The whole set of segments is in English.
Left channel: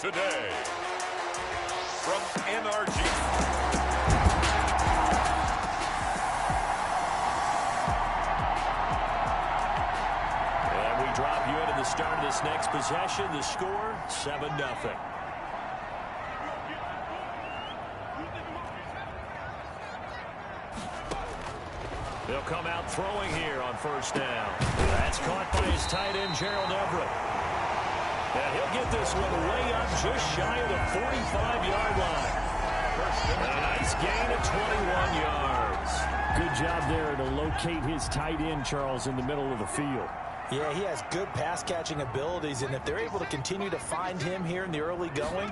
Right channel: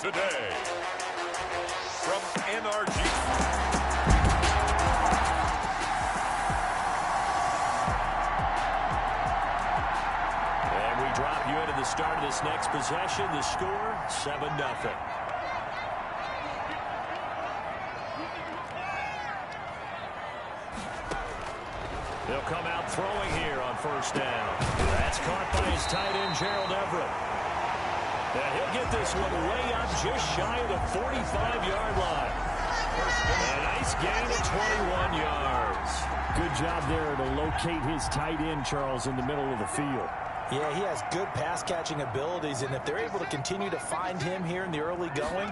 today. From NRG. And we drop you into the start of this next possession. The score, 7-0. They'll come out throwing here on first down. That's caught by his tight end, Gerald Everett. And he'll get this one way up just shy of the 45-yard line. A nice gain of 21 yards. Good job there to locate his tight end, Charles, in the middle of the field. Yeah, he has good pass-catching abilities, and if they're able to continue to find him here in the early going,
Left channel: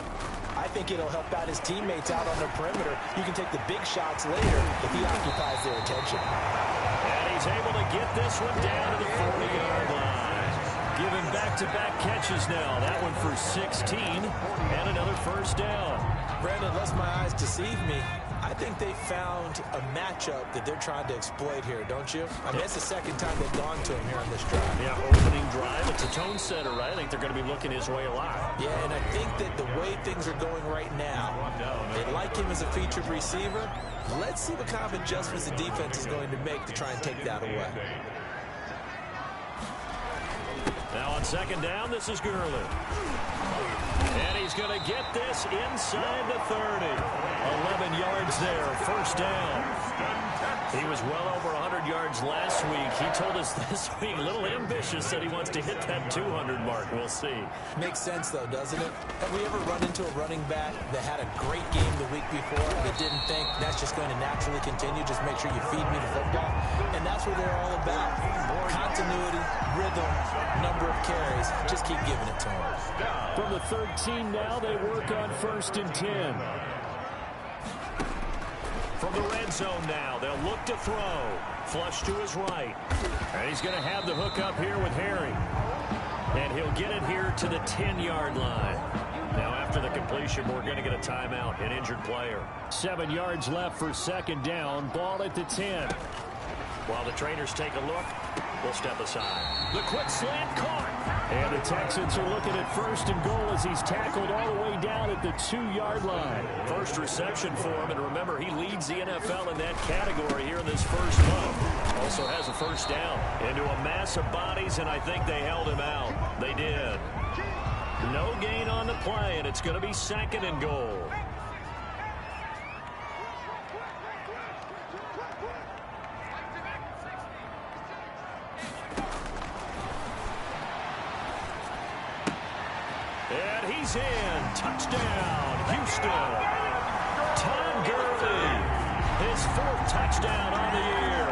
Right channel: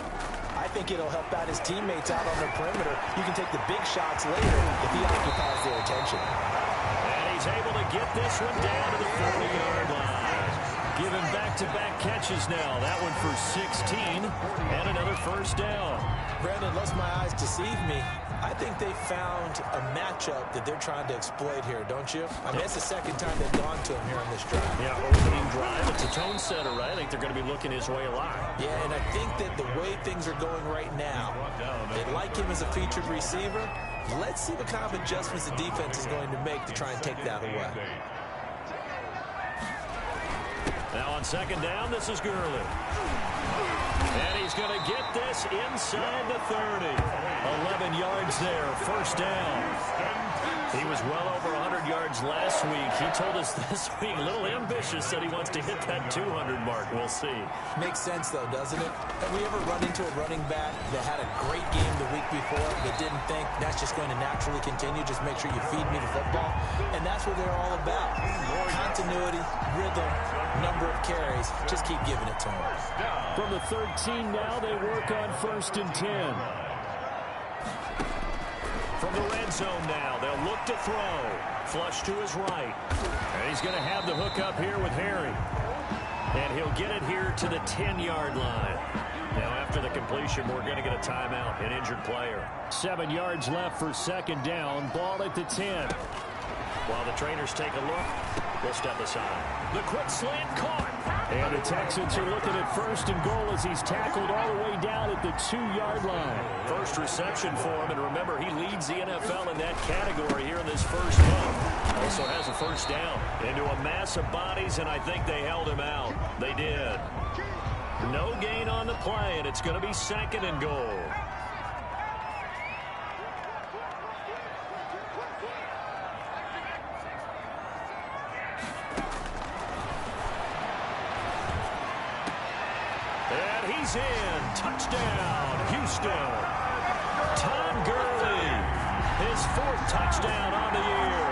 I think it'll help out his teammates out on the perimeter. You can take the big shots later if he occupies their attention. And he's able to get this one down to the 40-yard line. Given back-to-back catches now. That one for 16 and another first down. Brandon, lest my eyes deceive me, I think they found a matchup that they're trying to exploit here, don't you? I mean, it's the second time they've gone to him here on this drive. Yeah, opening drive. It's a tone setter, right? I think they're going to be looking his way a lot. Yeah, and I think that the way things are going right now, they like him as a featured receiver. Let's see what kind of adjustments the defense is going to make to try and take that away. Now on second down, this is Gurley. And he's going to get this inside the 30. 11 yards there, first down. He was well over 100 yards last week. He told us this week, a little ambitious, that he wants to hit that 200 mark. We'll see. Makes sense, though, doesn't it? Have we ever run into a running back that had a great game the week before that didn't think that's just going to naturally continue? Just make sure you feed me the football. And that's what they're all about. Continuity, rhythm, number of carries. Just keep giving it to him. From the 13 now, they work on 1st and 10. From the red zone now, they'll look to throw. Flush to his right. And he's going to have the hook up here with Harry. And he'll get it here to the 10-yard line. Now, after the completion, we're going to get a timeout, an injured player. 7 yards left for second down. Ball at the 10. While the trainers take a look, we'll step aside. The quick slant caught. And the Texans are looking at 1st and goal as he's tackled all the way down at the 2-yard line. First reception for him, and remember, he leads the NFL in that category here in this first month. Also has a first down into a mass of bodies, and I think they held him out. They did. No gain on the play, and it's going to be 2nd and goal. And he's in. Touchdown, Houston. Todd Gurley, his 4th touchdown on the year.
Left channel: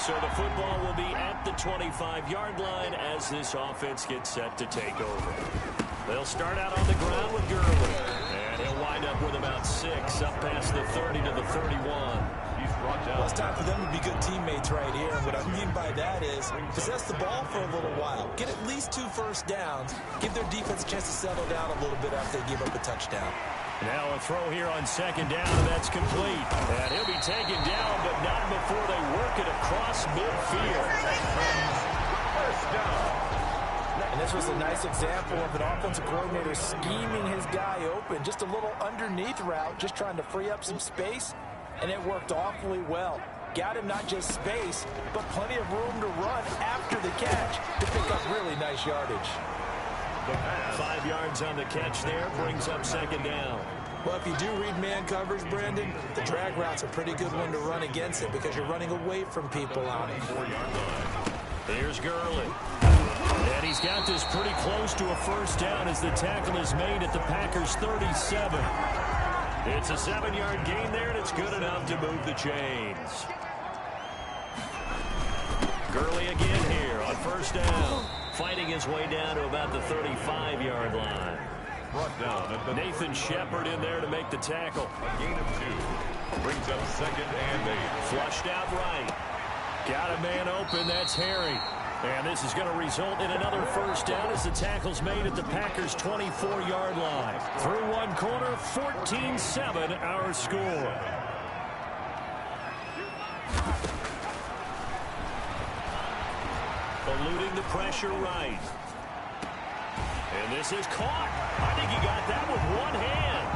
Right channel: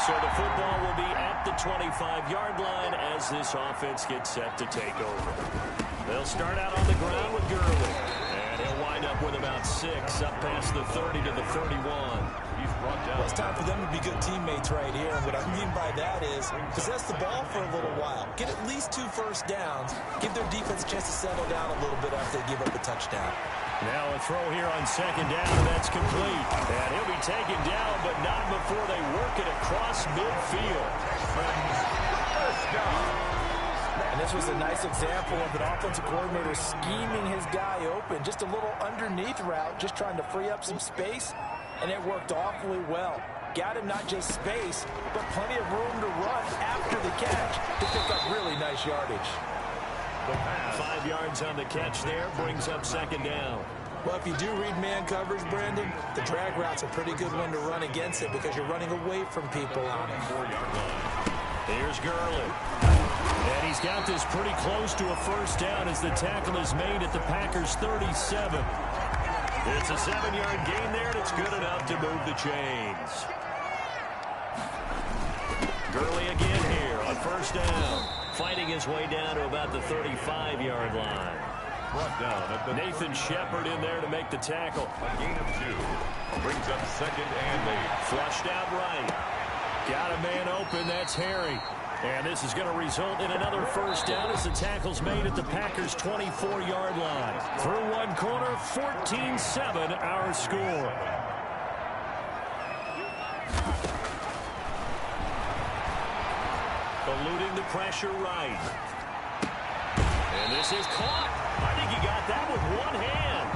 So the football will be at the 25-yard line as this offense gets set to take over. They'll start out on the ground with Gurley. And he'll wind up with about 6 up past the 30 to the 31. Well, it's time for them to be good teammates right here. And what I mean by that is possess the ball for a little while. Get at least 2 first downs. Give their defense a chance to settle down a little bit after they give up a touchdown. Now a throw here on second down, and that's complete. And he'll be taken down, but not before they work it across midfield. First down. And this was a nice example of an offensive coordinator scheming his guy open. Just a little underneath route, just trying to free up some space. And it worked awfully well. Got him not just space, but plenty of room to run after the catch to pick up really nice yardage. 5 yards on the catch there brings up second down. Well, if you do read man coverage, Brandon, the drag route's a pretty good one to run against it because you're running away from people on it. 4-yard line. Here's Gurley. And he's got this pretty close to a first down as the tackle is made at the Packers' 37. It's a 7-yard gain there, and it's good enough to move the chains. Gurley again here on first down. Fighting his way down to about the 35-yard line. Brought down at the Nathan Shepard in there to make the tackle. A gain of 2. Brings up 2nd and 8. Flushed out right. Got a man open. That's Harry. And this is going to result in another first down as the tackle's made at the Packers' 24-yard line. Through one corner, 14-7 our score. eluding the pressure right. And this is caught. I think he got that with one hand.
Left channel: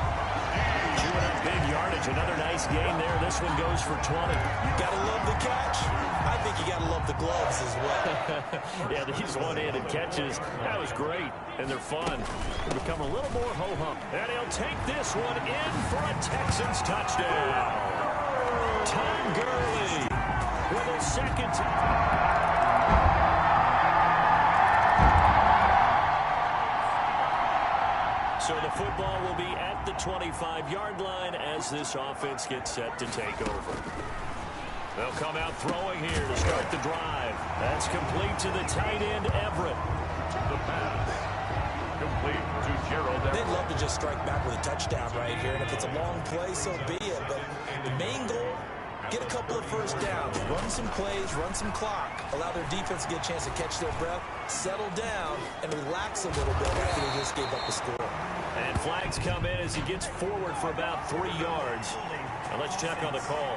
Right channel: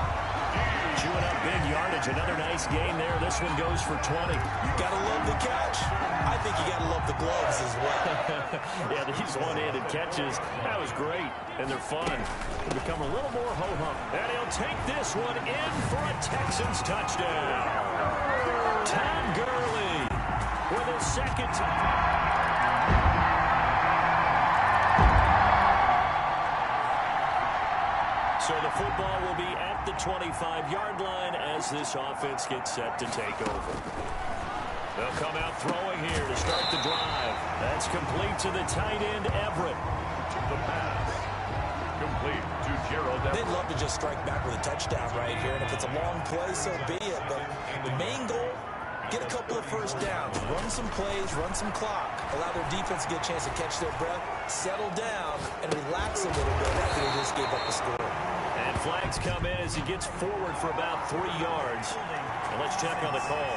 Chewing up big yardage. Another nice gain there. This one goes for 20. Gotta love the catch. I think you gotta love the gloves as well. Yeah, these one-handed catches, that was great. And they're fun. They become a little more ho-hum. And he'll take this one in for a Texans touchdown. Todd Gurley with his second time. So the football will be at the 25-yard line as this offense gets set to take over. They'll come out throwing here to start the drive. That's complete to the tight end, Everett. The pass. Complete to Gerald Everett. They'd love to just strike back with a touchdown right here, and if it's a long play, so be it. But the main goal, get a couple of first downs, run some plays, run some clock, allow their defense to get a chance to catch their breath, settle down, and relax a little bit after they just gave up the score. And flags come in as he gets forward for about 3 yards. And let's check on the call.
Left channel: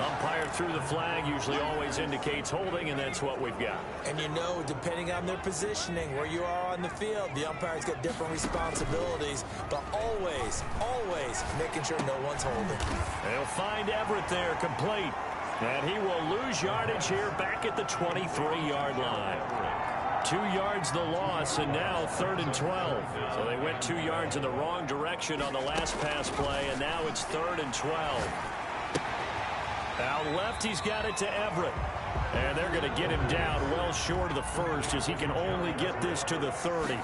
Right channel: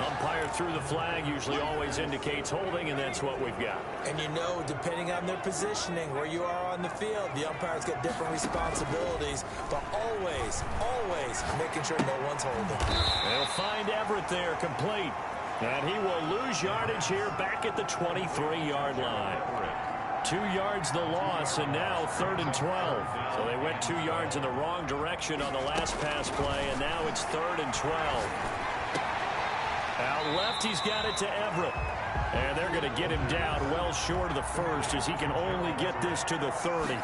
Umpire threw the flag, usually always indicates holding, and that's what we've got. And you know, depending on their positioning, where you are on the field, the umpire's got different responsibilities, but always, always making sure no one's holding. They'll find Everett there, complete. And he will lose yardage here back at the 23-yard line. 2 yards the loss, and now 3rd and 12. So they went 2 yards in the wrong direction on the last pass play, and now it's 3rd and 12. Out left, he's got it to Everett. And they're going to get him down well short of the first as he can only get this to the 30.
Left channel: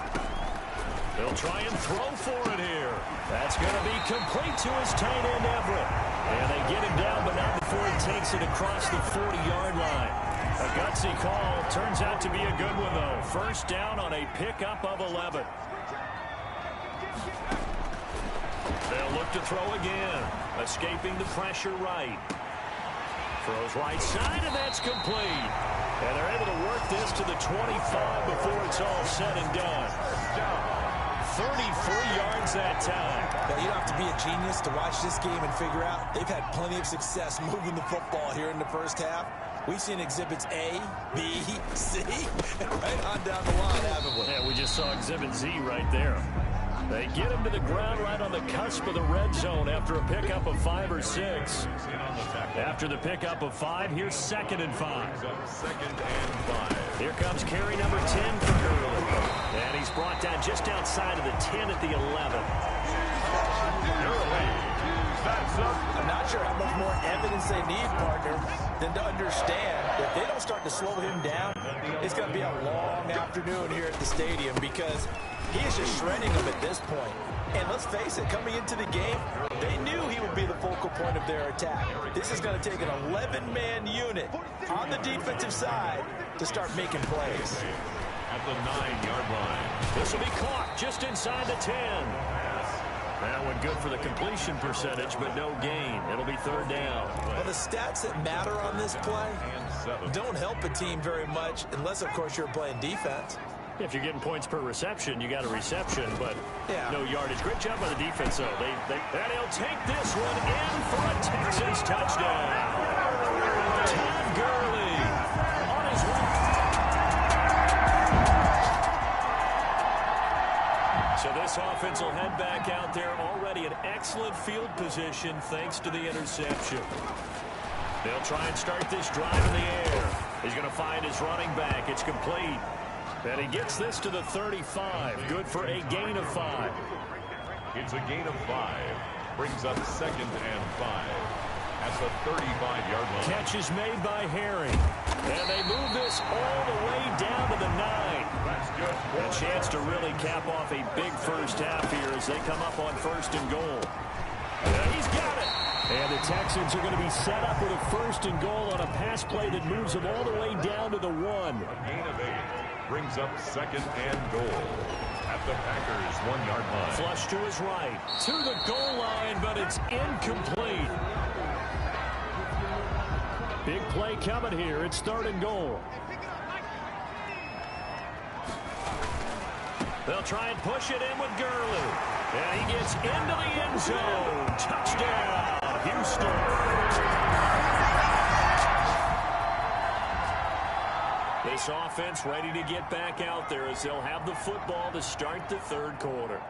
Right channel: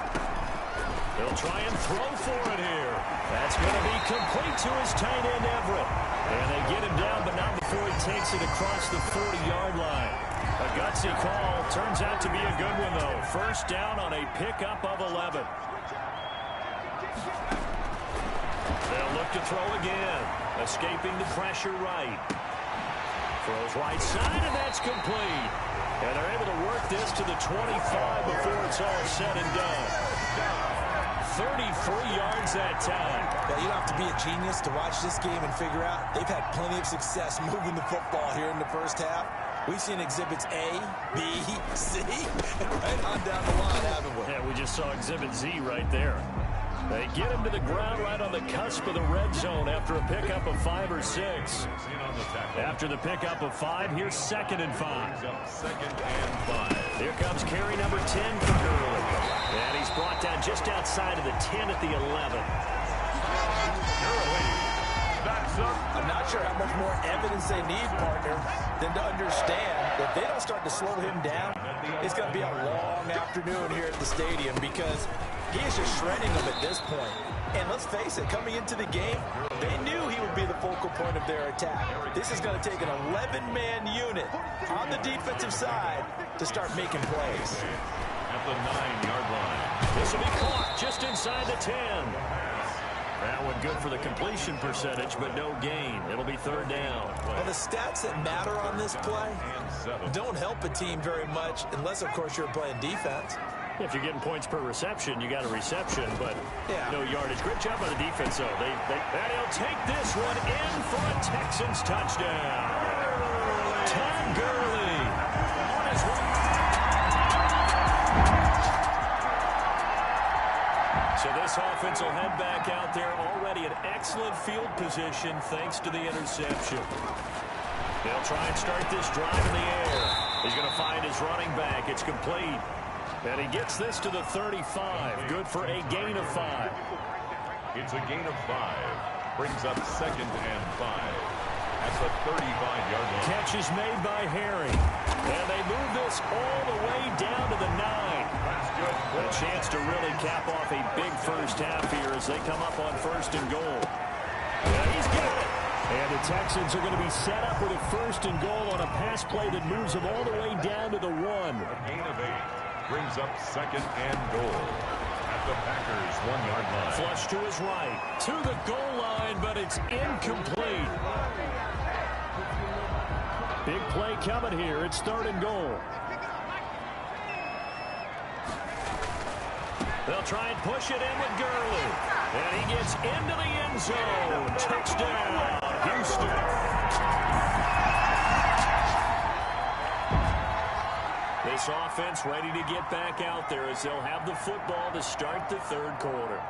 They'll try and throw for it here. That's going to be complete to his tight end, Everett. And they get him down, but not before he takes it across the 40-yard line. A gutsy call. Turns out to be a good one, though. First down on a pickup of 11. They'll look to throw again. Escaping the pressure right. Throws right side, and that's complete. And they're able to work this to the 25 before it's all said and done. 33 yards that time. Well, you don't have to be a genius to watch this game and figure out they've had plenty of success moving the football here in the first half. We've seen exhibits A, B, C, and right on down the line, haven't we? Yeah, we just saw exhibit Z right there. They get him to the ground right on the cusp of the red zone after a pickup of 5 or 6. After the pickup of 5, here's 2nd and 5. 2nd and 5. Here comes carry number 10 for Gurley. And he's brought down just outside of the 10 at the 11. Gurley. That's up. I'm not sure how much more evidence they need, partner, than to understand if they don't start to slow him down, it's going to be a long afternoon here at the stadium because he is just shredding them at this point. And let's face it, coming into the game, they knew he would be the focal point of their attack. This is going to take an 11-man unit on the defensive side to start making plays. At the 9-yard line. This will be caught just inside the 10. That one good for the completion percentage, but no gain. It'll be 3rd down. Well, the stats that matter on this play don't help a team very much unless, of course, you're playing defense. If you're getting points per reception, you got a reception, but no yardage. Great job by the defense, though. And he'll take this one in for a Texans touchdown. Todd Gurley on his way. So this offense will head back out there already in excellent field position thanks to the interception. They'll try and start this drive in the air. He's going to find his running back. It's complete. And he gets this to the 35. Good for a gain of 5. It's a gain of 5. Brings up 2nd and 5. At the 35-yard line. Catch is made by Harry. And they move this all the way down to the 9. That's good. A chance to really cap off a big first half here as they come up on 1st and goal. And he's got it. And the Texans are going to be set up with a 1st and goal on a pass play that moves them all the way down to the 1. A gain of 8. Brings up 2nd and goal. At the Packers' 1-yard line. Flush to his right. To the goal line, but it's incomplete. Big play coming here. It's 3rd and goal. They'll try and push it in with Gurley. And he gets into the end zone. Touchdown, Houston. This offense ready to get back out there as they'll have the football to start the third quarter.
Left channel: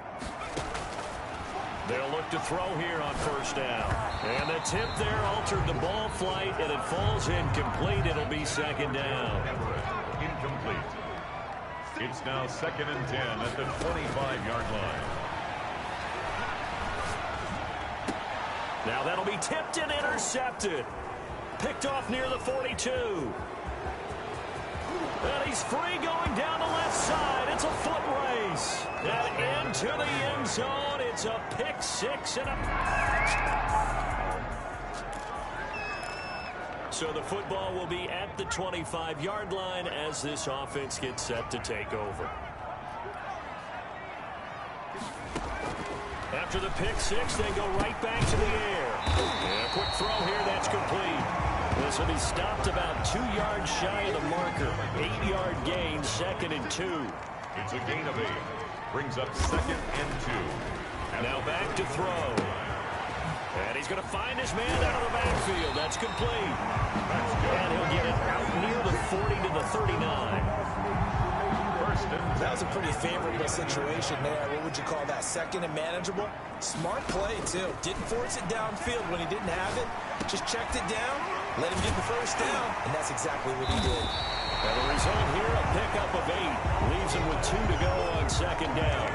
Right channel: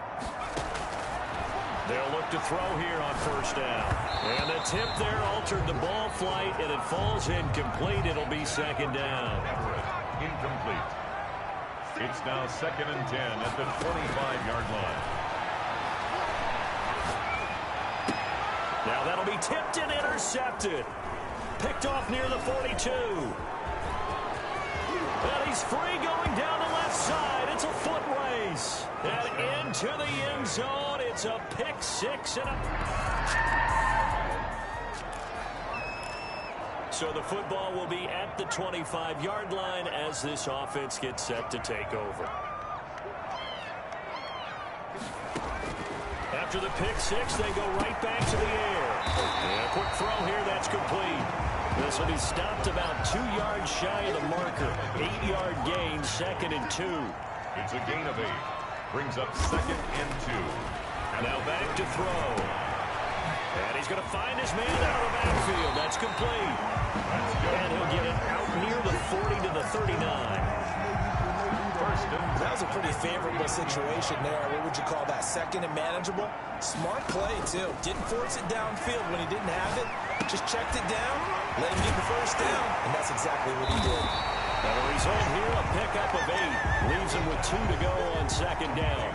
They'll look to throw here on first down. And the tip there altered the ball flight, and it falls incomplete. It'll be second down. Incomplete. It's now 2nd and 10 at the 25-yard line. Now that'll be tipped and intercepted. Picked off near the 42. And he's free going down the left side. It's a foot race. And into the end zone. It's a pick six and So the football will be at the 25-yard line as this offense gets set to take over. After the pick six, they go right back to the air. And a quick throw here, that's complete. This will be stopped about 2 yards shy of the marker. 8-yard gain, 2nd and 2. It's a gain of 8. Brings up 2nd and 2. Now back to throw. And he's going to find his man out of the backfield. That's complete. And he'll get it out near the 40 to the 39. That was a pretty favorable situation there. What would you call that? 2nd and manageable? Smart play, too. Didn't force it downfield when he didn't have it. Just checked it down, let him get the first down, and that's exactly what he did. And the result here, a pickup of 8. Leaves him with 2 to go on 2nd down.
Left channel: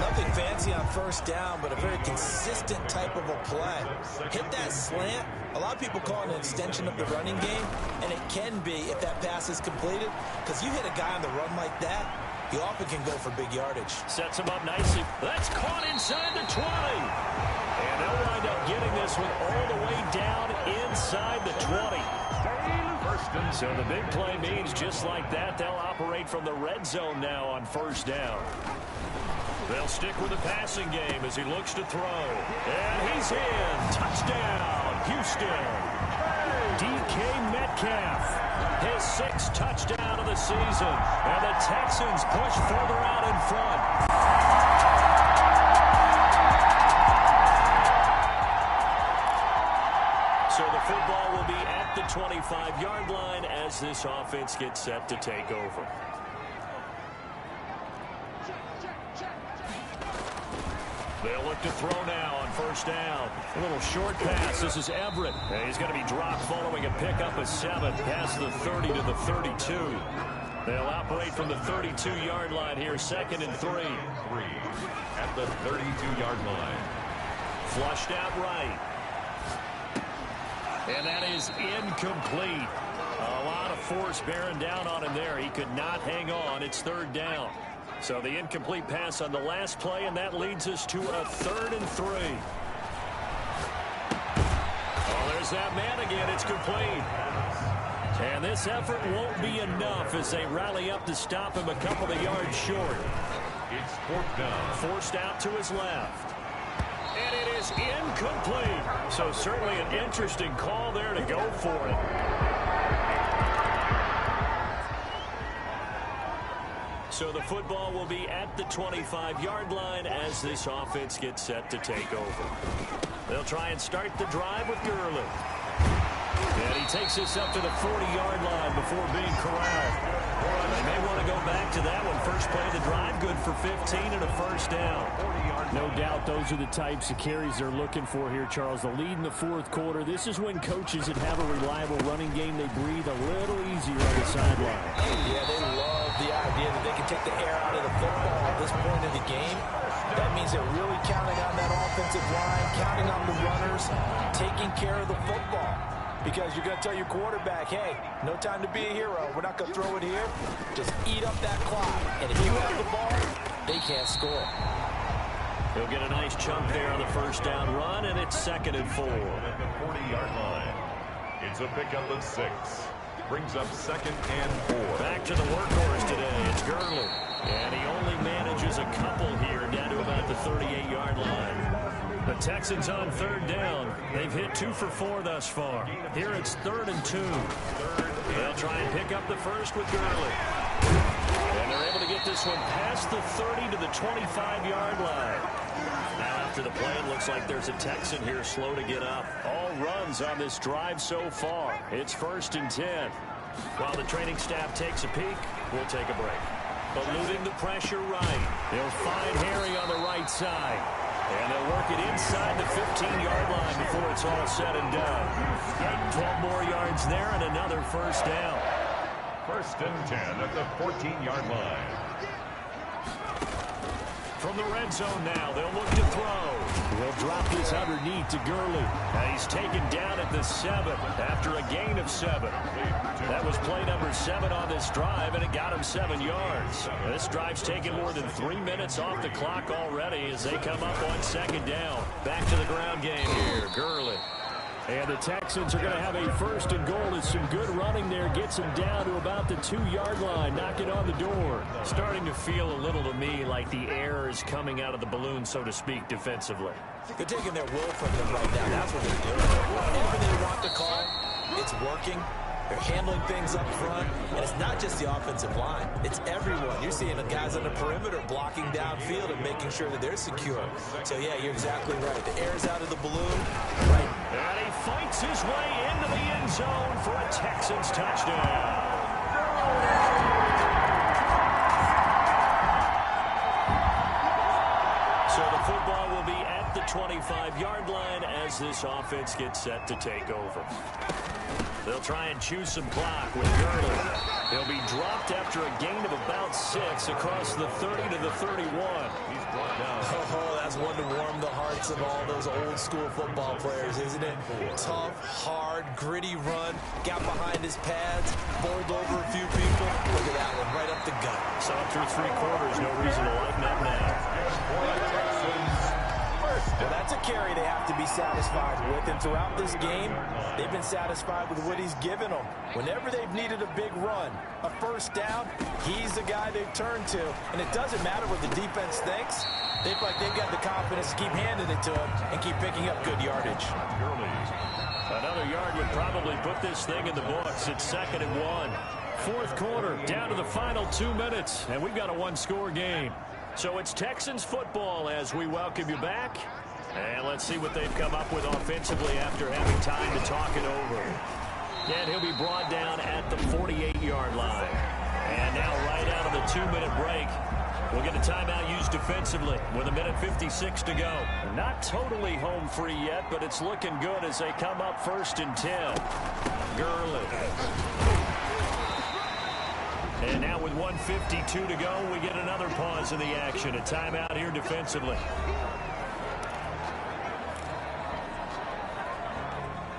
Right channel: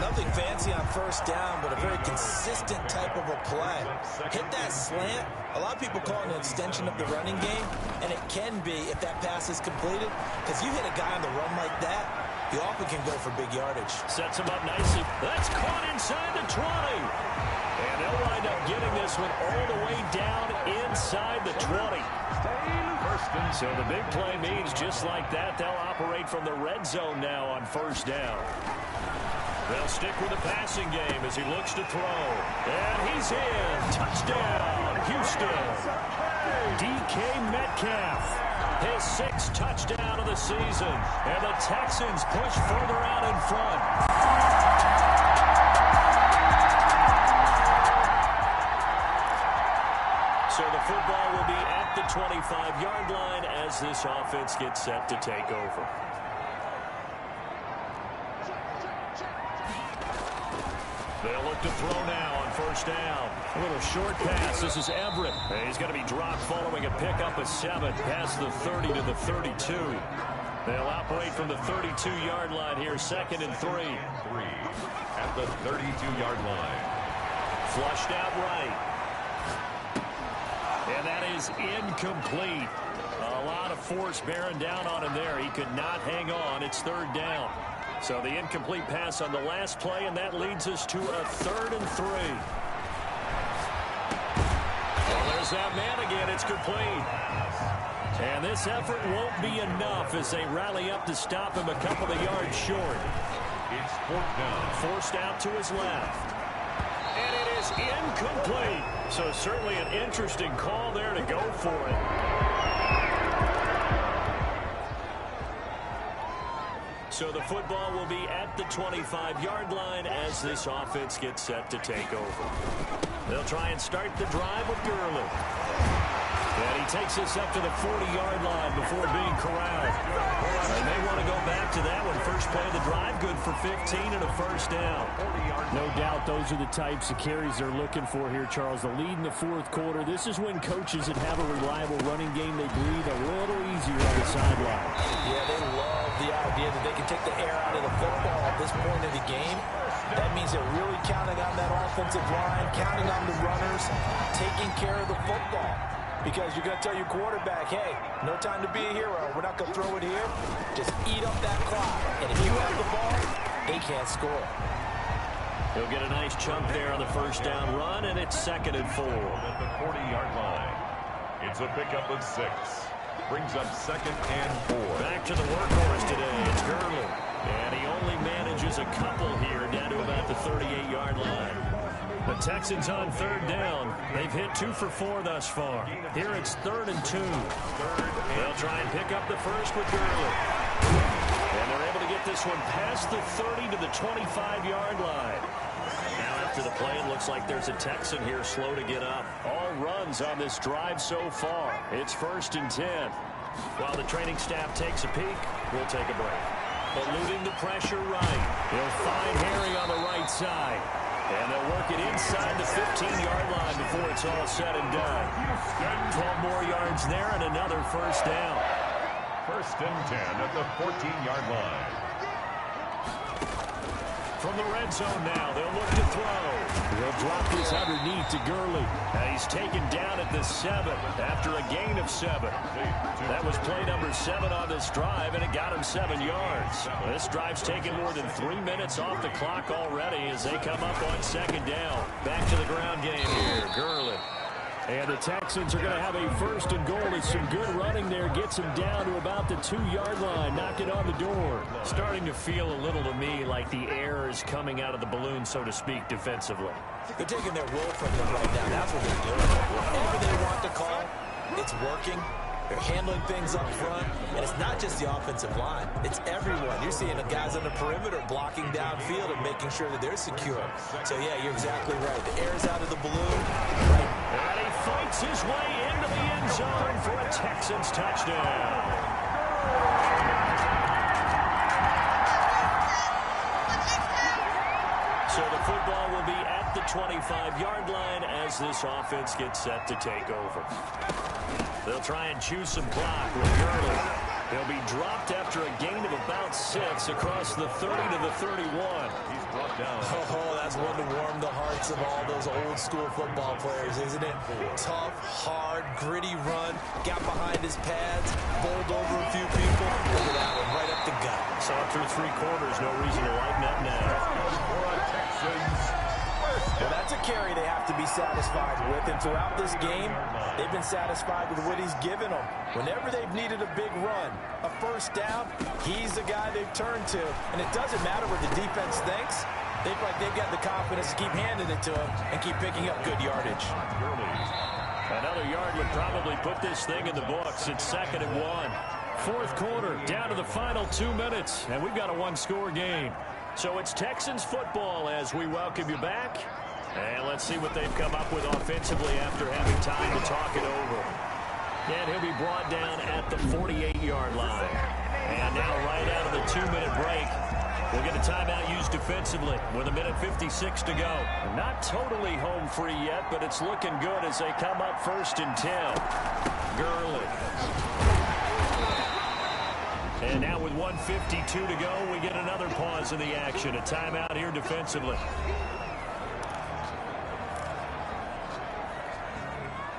Nothing fancy on first down, but a very consistent type of a play. Hit that slant. A lot of people call it an extension of the running game, and it can be if that pass is completed, because you hit a guy on the run like that, you often can go for big yardage. Sets him up nicely. That's caught inside the 20. And they'll wind up getting this one all the way down inside the 20. So the big play means just like that, they'll operate from the red zone now on first down. They'll stick with the passing game as he looks to throw. And he's in. Touchdown, Houston. DK Metcalf, his 6th touchdown of the season. And the Texans push further out in front. So the football will be at the 25-yard line as this offense gets set to take over. They'll look to throw now on first down. A little short pass. This is Everett. And he's going to be dropped following a pickup of 7 past the 30 to the 32. They'll operate from the 32-yard line here, 2nd and 3. 3 at the 32-yard line. Flushed out right. And that is incomplete. A lot of force bearing down on him there. He could not hang on. It's 3rd down. So the incomplete pass on the last play, and that leads us to a 3rd and 3. Oh, there's that man again. It's complete. And this effort won't be enough as they rally up to stop him a couple of yards short. It's 4th down. Forced out to his left. And it is incomplete. So certainly an interesting call there to go for it. So the football will be at the 25-yard line as this offense gets set to take over. They'll try and start the drive with Gurley. And he takes this up to the 40-yard line before being corralled. They may want to go back to that one. First play of the drive, good for 15 and a 1st down. No doubt those are the types of carries they're looking for here, Charles. The lead in the 4th quarter. This is when coaches that have a reliable running game, they breathe a little easier on the sideline. Yeah, they love the idea that they can take the air out of the football at this point of the game. That means they're really counting on that offensive line, counting on the runners, taking care of the football. Because you're going to tell your quarterback, hey, no time to be a hero. We're not going to throw it here. Just eat up that clock. And if you have the ball, they can't score. He'll get a nice chunk there on the first down run, and it's 2nd and 4. At the 40-yard line. It's a pickup of 6. Brings up 2nd and 4. Back to the workhorse today. It's Gurley. And he only manages a couple here down to about the 38-yard line. The Texans on 3rd down. They've hit 2 for 4 thus far. Here it's 3rd and 2. They'll try and pick up the first with Gurley. And they're able to get this one past the 30 to the 25-yard line. Now after the play, it looks like there's a Texan here slow to get up. All runs on this drive so far. It's 1st and 10. While the training staff takes a peek, we'll take a break. Eluding the pressure right. He'll find Harry on the right side. And they'll work it inside the 15-yard line before it's all said and done. 12 more yards there and another first down. First and 10 at the 14-yard line. From the red zone now, they'll look to throw. He'll drop this underneath to Gurley. And he's taken down at the 7 after a gain of 7. That was play number 7 on this drive, and it got him 7 yards. This drive's taken more than 3 minutes off the clock already as they come up on second down. Back to the ground game here, Gurley. And the Texans are going to have a first and goal as some good running there gets him down to about the 2-yard line, knocking on the door. Starting to feel a little to me like the air is coming out of the balloon, so to speak, defensively. They're taking their will from them right now. That's what they're doing. Whatever they want to call, it's working. They're handling things up front, and it's not just the offensive line. It's everyone. You're seeing the guys on the perimeter blocking downfield and making sure that they're secure. So, yeah, you're exactly right. The air's out of the balloon. Right. And he fights his way into the end zone for a Texans touchdown. So the football will be at the 25-yard line as this offense gets set to take over. They'll try and chew some clock with Gurley. He'll be dropped after a gain of about 6 across the 30 to the 31. He's brought down. Oh, that's one to warm the hearts of all those old-school football players, isn't it? Tough, hard, gritty run. Got behind his pads, bowled over a few people. Look at that one, right up the gut. So up through 3 quarters, no reason to lighten up now. Good for a Texans. Well, that's a carry they have to be satisfied with, and throughout this game, they've been satisfied with what he's given them. Whenever they've needed a big run, a first down, he's the guy they've turned to. And it doesn't matter what the defense thinks. They feel like they've got the confidence to keep handing it to him and keep picking up good yardage. Another yard would probably put this thing in the books. It's 2nd and 1. Fourth quarter, down to the final 2 minutes, and we've got a 1-score game. So it's Texans football as we welcome you back. And let's see what they've come up with offensively after having time to talk it over. And he'll be brought down at the 48-yard line. And now right out of the 2-minute break, we'll get a timeout used defensively with 1:56 to go. Not totally home free yet, but it's looking good as they come up 1st and 10. Gurley. And now with 1:52 to go, we get another pause in the action. A timeout here defensively.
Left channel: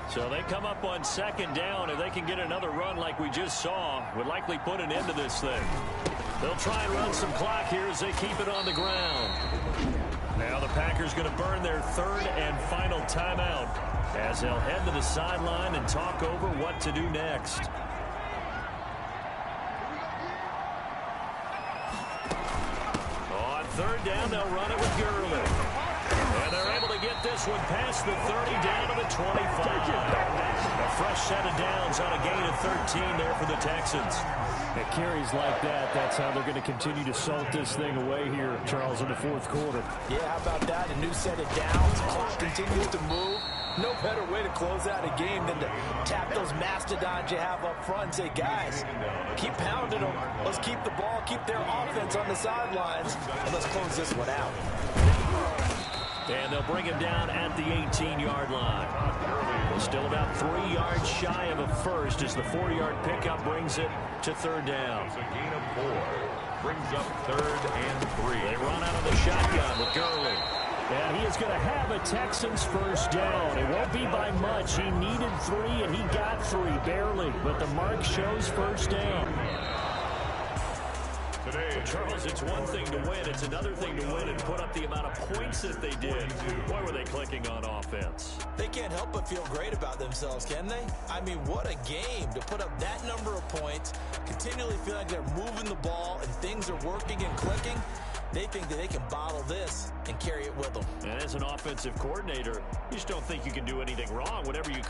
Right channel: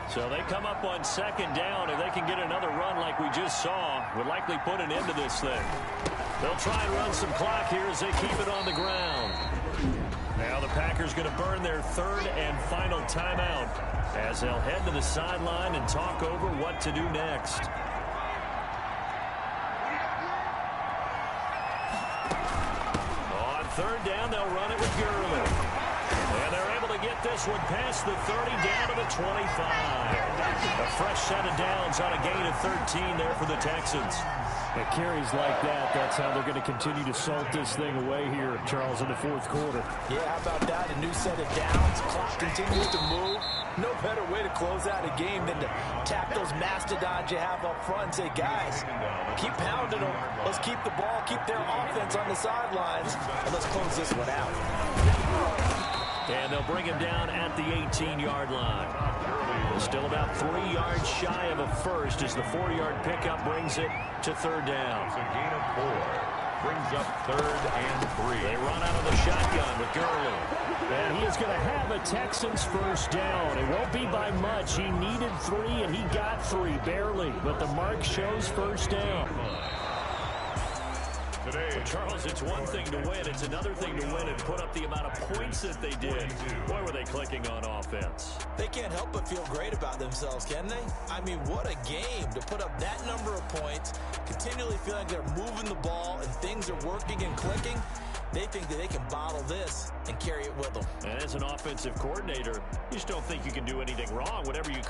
So they come up on 2nd down. If they can get another run like we just saw, would likely put an end to this thing. They'll try and run some clock here as they keep it on the ground. Now the Packers going to burn their 3rd and final timeout as they'll head to the sideline and talk over what to do next. On 3rd down, they'll run it with Gurley. And they're able to get this one past the 30 down to the 25. A fresh set of downs on a gain of 13 there for the Texans. It carries like that. That's how they're going to continue to salt this thing away here, Charles, in the 4th quarter. Yeah, how about that? A new set of downs. Clock continues to move. No better way to close out a game than to tap those mastodons you have up front and say, guys, keep pounding them. Let's keep the ball, keep their offense on the sidelines, and let's close this one out. And they'll bring him down at the 18-yard line. Still about 3 yards shy of a first as the 4-yard pickup brings it to 3rd down. It's a gain of 4. Brings up 3rd and 3. They run out of the shotgun with Gurley. And he is going to have a Texans first down. It won't be by much. He needed 3, and he got 3, barely. But the mark shows first down. Today, Charles, it's one thing to win. It's another thing to win and put up the amount of points that they did. Boy, were they clicking on offense. They can't help but feel great about themselves, can they? I mean, what a game to put up that number of points, continually feel like they're moving the ball and things are working and clicking. They think that they can bottle this and carry it with them. And as an offensive coordinator, you just don't think you can do anything wrong. Whatever you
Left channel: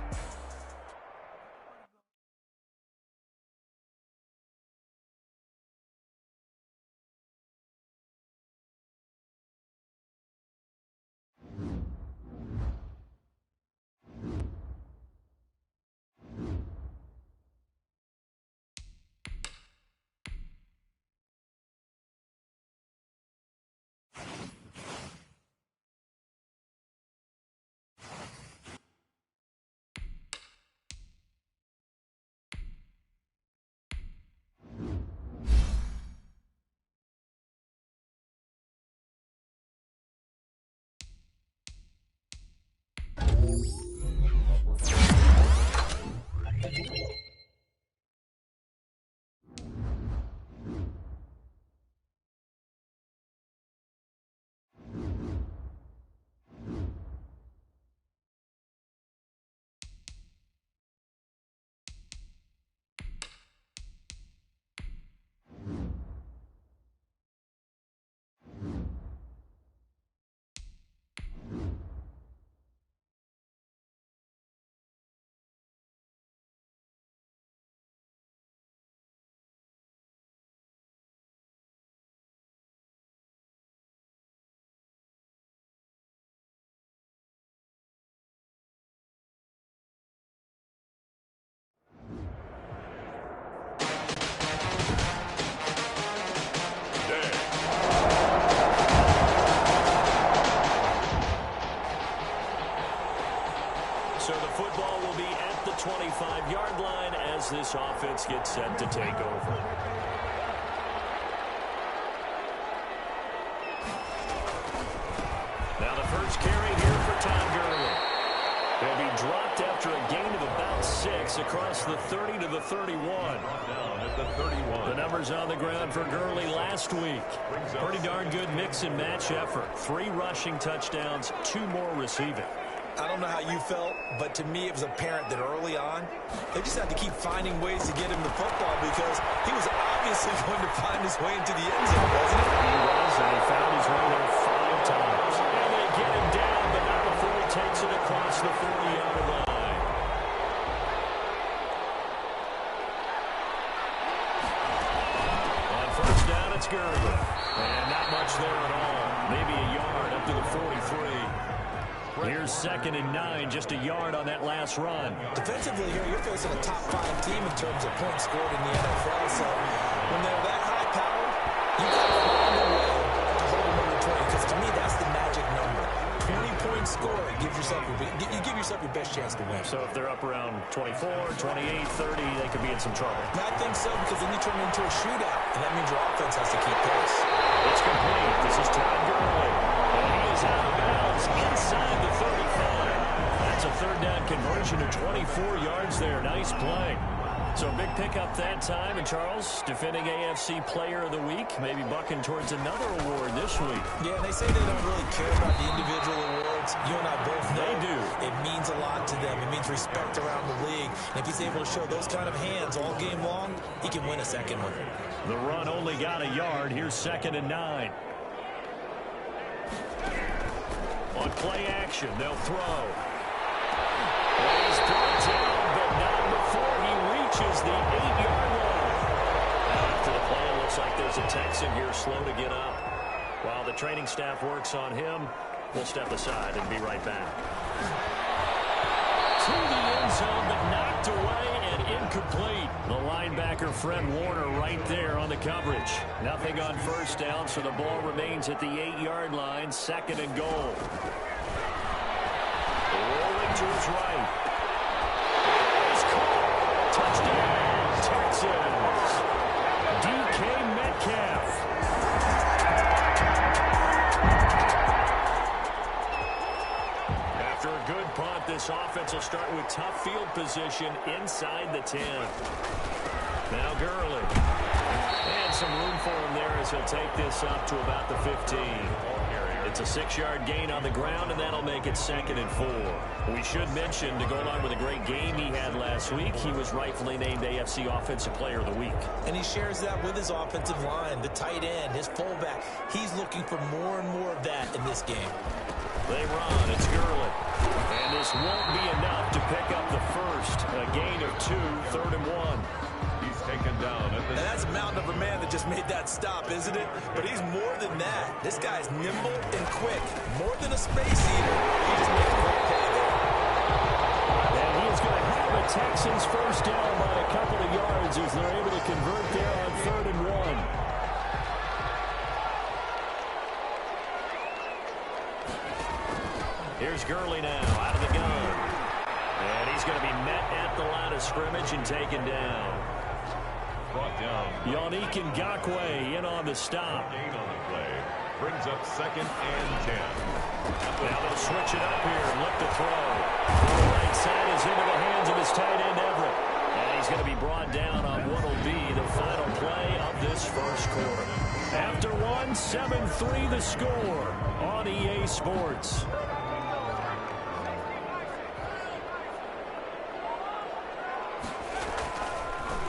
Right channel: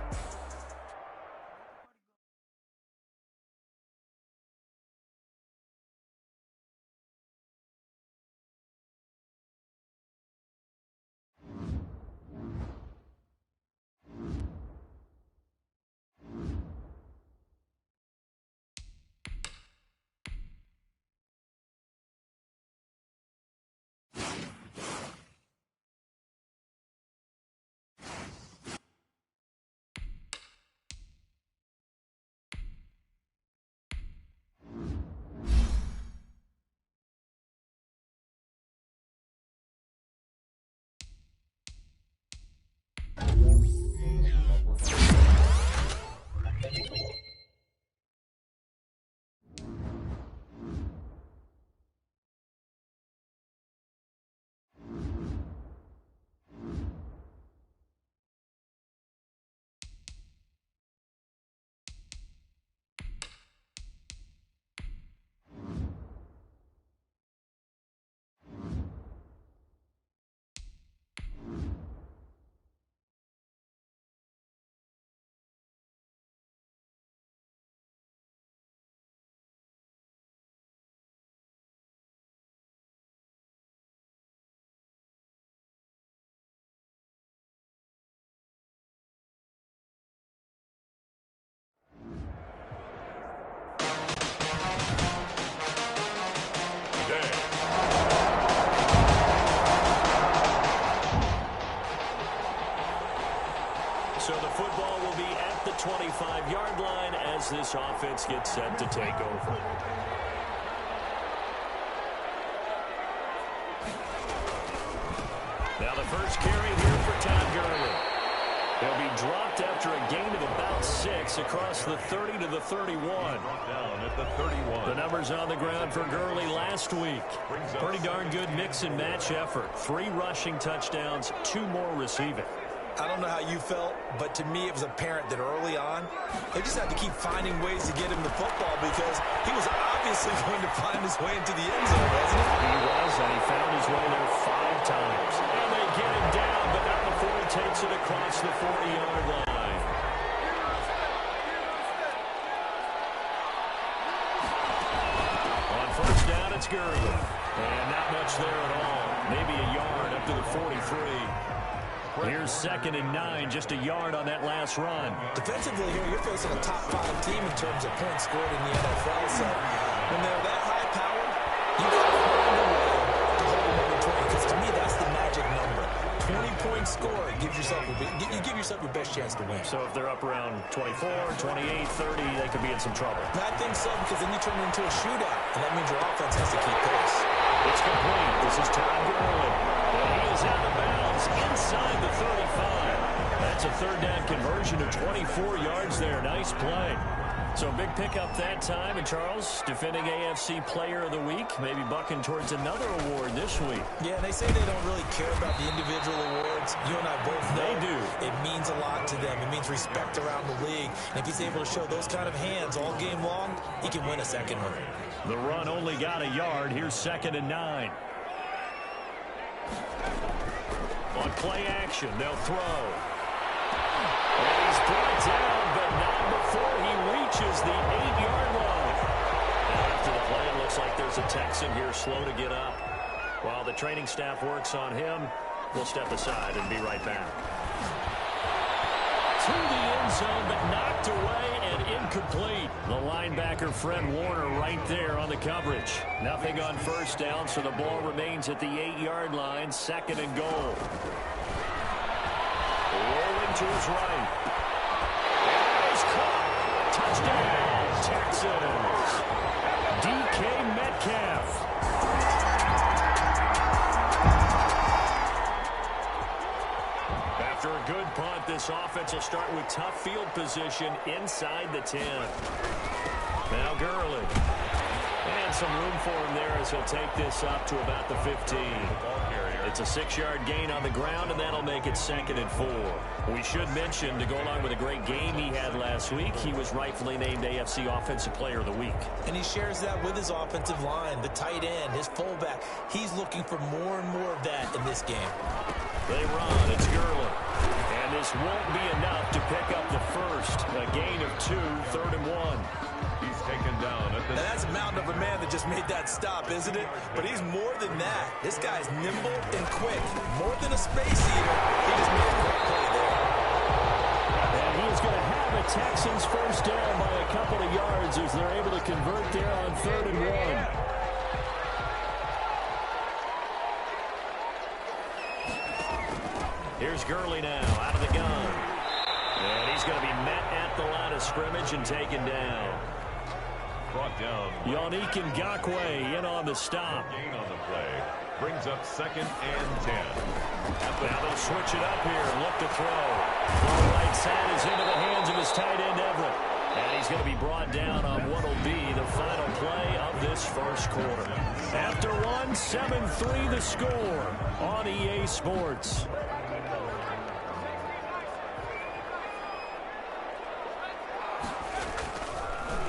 So the football will be at the 25-yard line as this offense gets set to take over. Now the first carry here for Todd Gurley. He'll be dropped after a gain of about 6 across the 30 to the 31. Down at the 31. The numbers on the ground for Gurley last week. Pretty darn good mix and match effort. 3 rushing touchdowns, 2 more receiving. I don't know how you felt, but to me it was apparent that early on, they just had to keep finding ways to get him the football because he was obviously going to find his way into the end zone, wasn't he? He was, and he found his way there 5 times. And they get him down, but not before he takes it across the 40-yard line. On first down, it's Gurley. And not much there at all. Maybe a yard up to the 43. Here's 2nd and 9, just a yard on that last run. Defensively here, you're facing a top-5 team in terms of points scored in the NFL. So when they're that high-powered, you got to find a way to hold them under 20. Because to me, that's the magic number. 20 points scored, you give yourself your best chance to win. So if they're up around 24, 28, 30, they could be in some trouble. And I think so, because then you turn it into a shootout, and that means your offense has to keep pace. It's complete. This is Todd Gurley. And he is out of bounds inside the 35. That's a 3rd down conversion of 24 yards there. Nice play. So big pickup that time. And Charles, defending AFC Player of the Week, maybe bucking towards another award this week. Yeah, they say they don't really care about the individual awards. You and I both know they do. It means a lot to them. It means respect around the league. And if he's able to show those kind of hands all game long, he can win a second one. The run only got a yard. Here's 2nd and 9. On play action, they'll throw. And he's brought down, but not before he reaches the 8-yard line. Now after the play, it looks like there's a Texan here slow to get up. While the training staff works on him, we'll step aside and be right back. To the end zone, but knocked away and incomplete. The linebacker, Fred Warner, right there on the coverage. Nothing on first down, so the ball remains at the 8-yard line, 2nd and goal. Rolling to his right. And he's caught. Touchdown, Texans. DK Metcalf. After a good punt, this offense will start with tough field position inside the 10. Now Gurley. And some room for him there as he'll take this up to about the 15. It's a 6-yard gain on the ground, and that'll make it 2nd and 4. We should mention, to go along with a great game he had last week, he was rightfully named AFC Offensive Player of the Week. And he shares that with his offensive line, the tight end, his fullback. He's looking for more and more of that in this game. They run. It's Gurley. And this won't be enough to pick up the first. A gain of 2, 3rd and 1. He's taken down at the... Now that's a mountain of a man that just made that stop, isn't it? But he's more than that. This guy's nimble and quick. More than a space eater. He just made a great play there. And he is going to have a Texans first down by a couple of yards as they're able to convert there on 3rd and 1. Here's Gurley now, out of the gun. And he's going to be met at the line of scrimmage and taken down. Brought down. Yannick Ngakoue in on the stop. Gain on the play. Brings up 2nd and 10. Now they'll switch it up here and look to throw. The right side is into the hands of his tight end, Everett. And he's going to be brought down on what will be the final play of this first quarter. After one, 7-3 the score on EA Sports.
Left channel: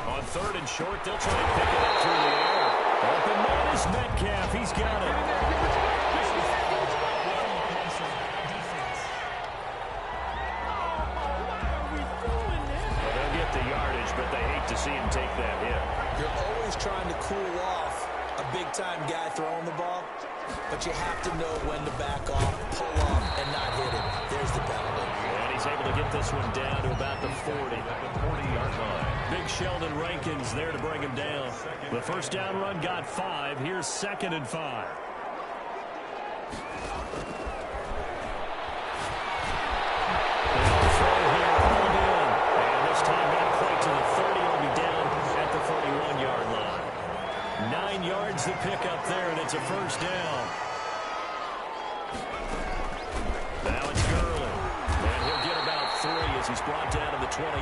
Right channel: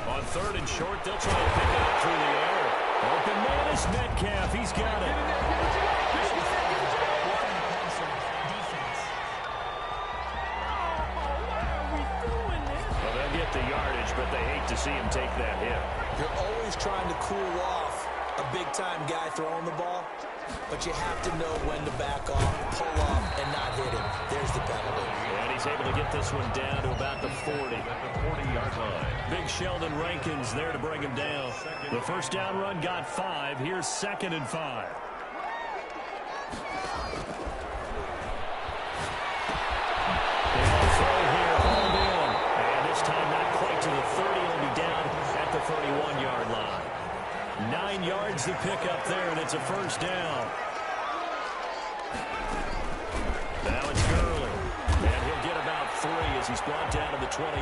On 3rd and short, they'll try and pick it up through the air. Open man is Metcalf. He's got it. Well, they'll get the yardage, but they hate to see him take that hit. You're always trying to cool off a big-time guy throwing the ball, but you have to know when to back off, pull off, and not hit him. There's the penalty. And he's able to get this one down to about the 40. At the 40-yard line. Big Sheldon Rankins there to bring him down. The first down run got 5. Here's 2nd and 5. They'll throw yards the pickup there, and it's a first down. Now it's Gurley. And he'll get about 3 as he's brought down to the 28.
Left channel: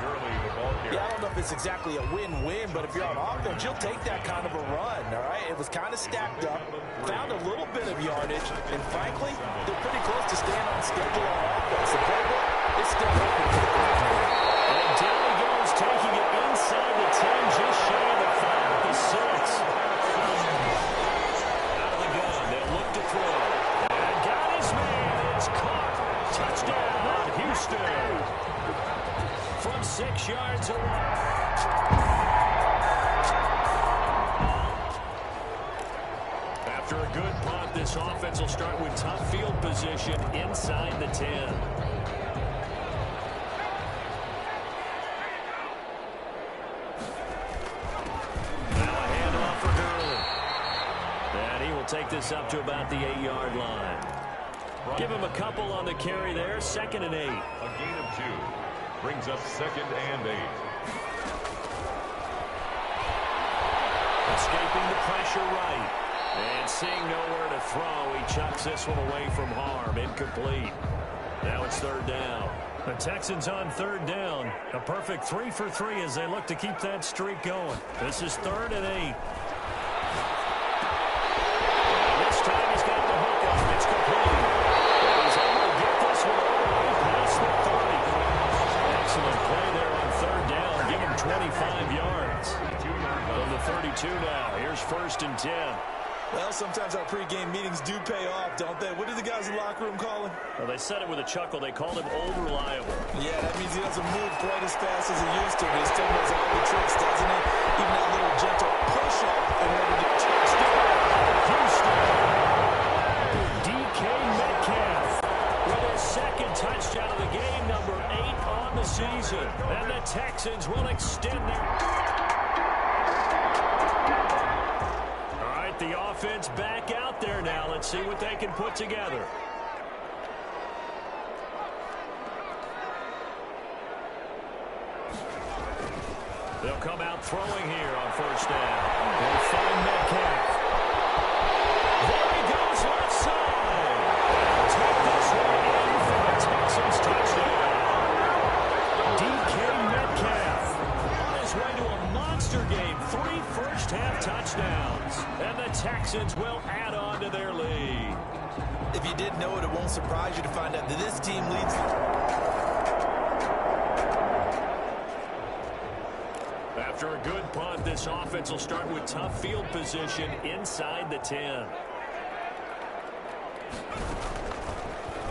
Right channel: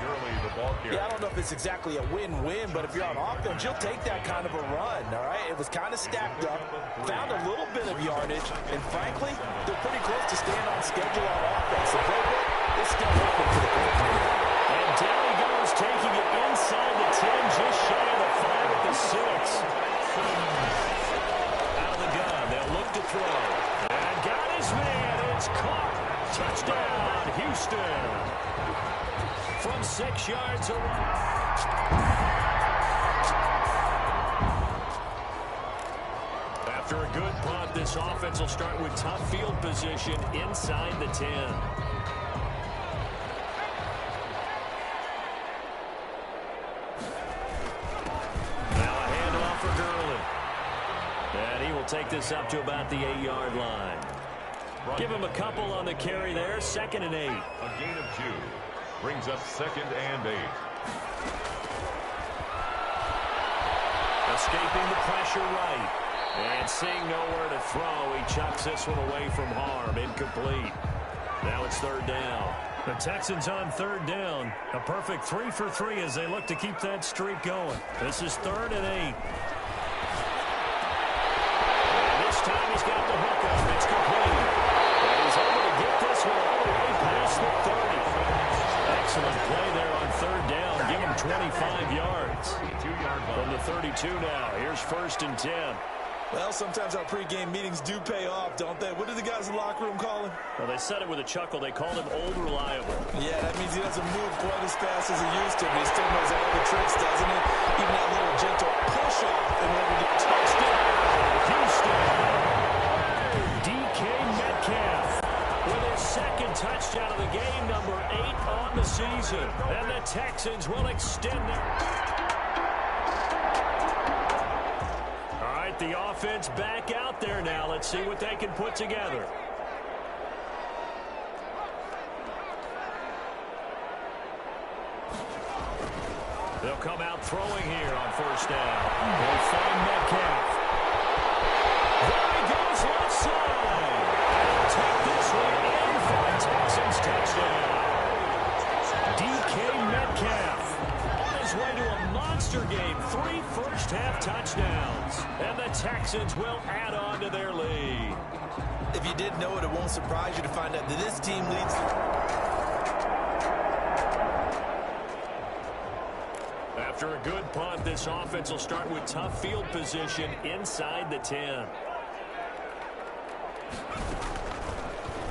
Gurley, the ball carrier. Yeah, I don't know if it's exactly a win-win, but if you're on offense, you'll take that kind of a run, all right? It was kind of stacked up, found a little bit of yardage, and frankly, they're pretty close to staying on schedule on offense. The playbook is still open for the coordinator. And down he goes, taking it inside the 10, just shy of the 5 at the 6. Out of the gun, they'll look to throw. And got his man, it's caught. Touchdown, Houston. From 6 yards away. After a good punt, this offense will start with tough field position inside the 10. Now a handoff for Gurley. And he will take this up to about the 8-yard line. Give him a couple on the carry there. 2nd and 8. A gain of 2. Brings up 2nd and 8. Escaping the pressure right. And seeing nowhere to throw, he chucks this one away from harm. Incomplete. Now it's 3rd down. The Texans on 3rd down. A perfect 3 for 3 as they look to keep that streak going. This is 3rd and 8. And this time he's got the hookup. It's complete. And he's able to get this one all the way past the 30. Excellent play there on 3rd down. Give him 25 yards. From the 32 now. Here's 1st and 10. Well, sometimes our pregame meetings do pay off, don't they? What did the guys in the locker room call him? Well, they said it with a chuckle. They called him Old Reliable. Yeah, that means he doesn't move quite as fast as he used to, but he still knows all the tricks, doesn't he? Even that little gentle push-off in order to touchdown. Houston. DK Metcalf with his 2nd touchdown of the game, number 8 on the season. And the Texans will extend their... The offense back out there now. Let's see what they can put together. They'll come out throwing here on 1st down. They'll find Metcalf. There he goes left side. And he'll take this one in for a Texans touchdown. DK Metcalf. His way to a monster game. 3 first-half touchdowns. And the Texans will add on to their lead. If you didn't know it, it won't surprise you to find out that this team leads. After a good punt, this offense will start with tough field position inside the 10.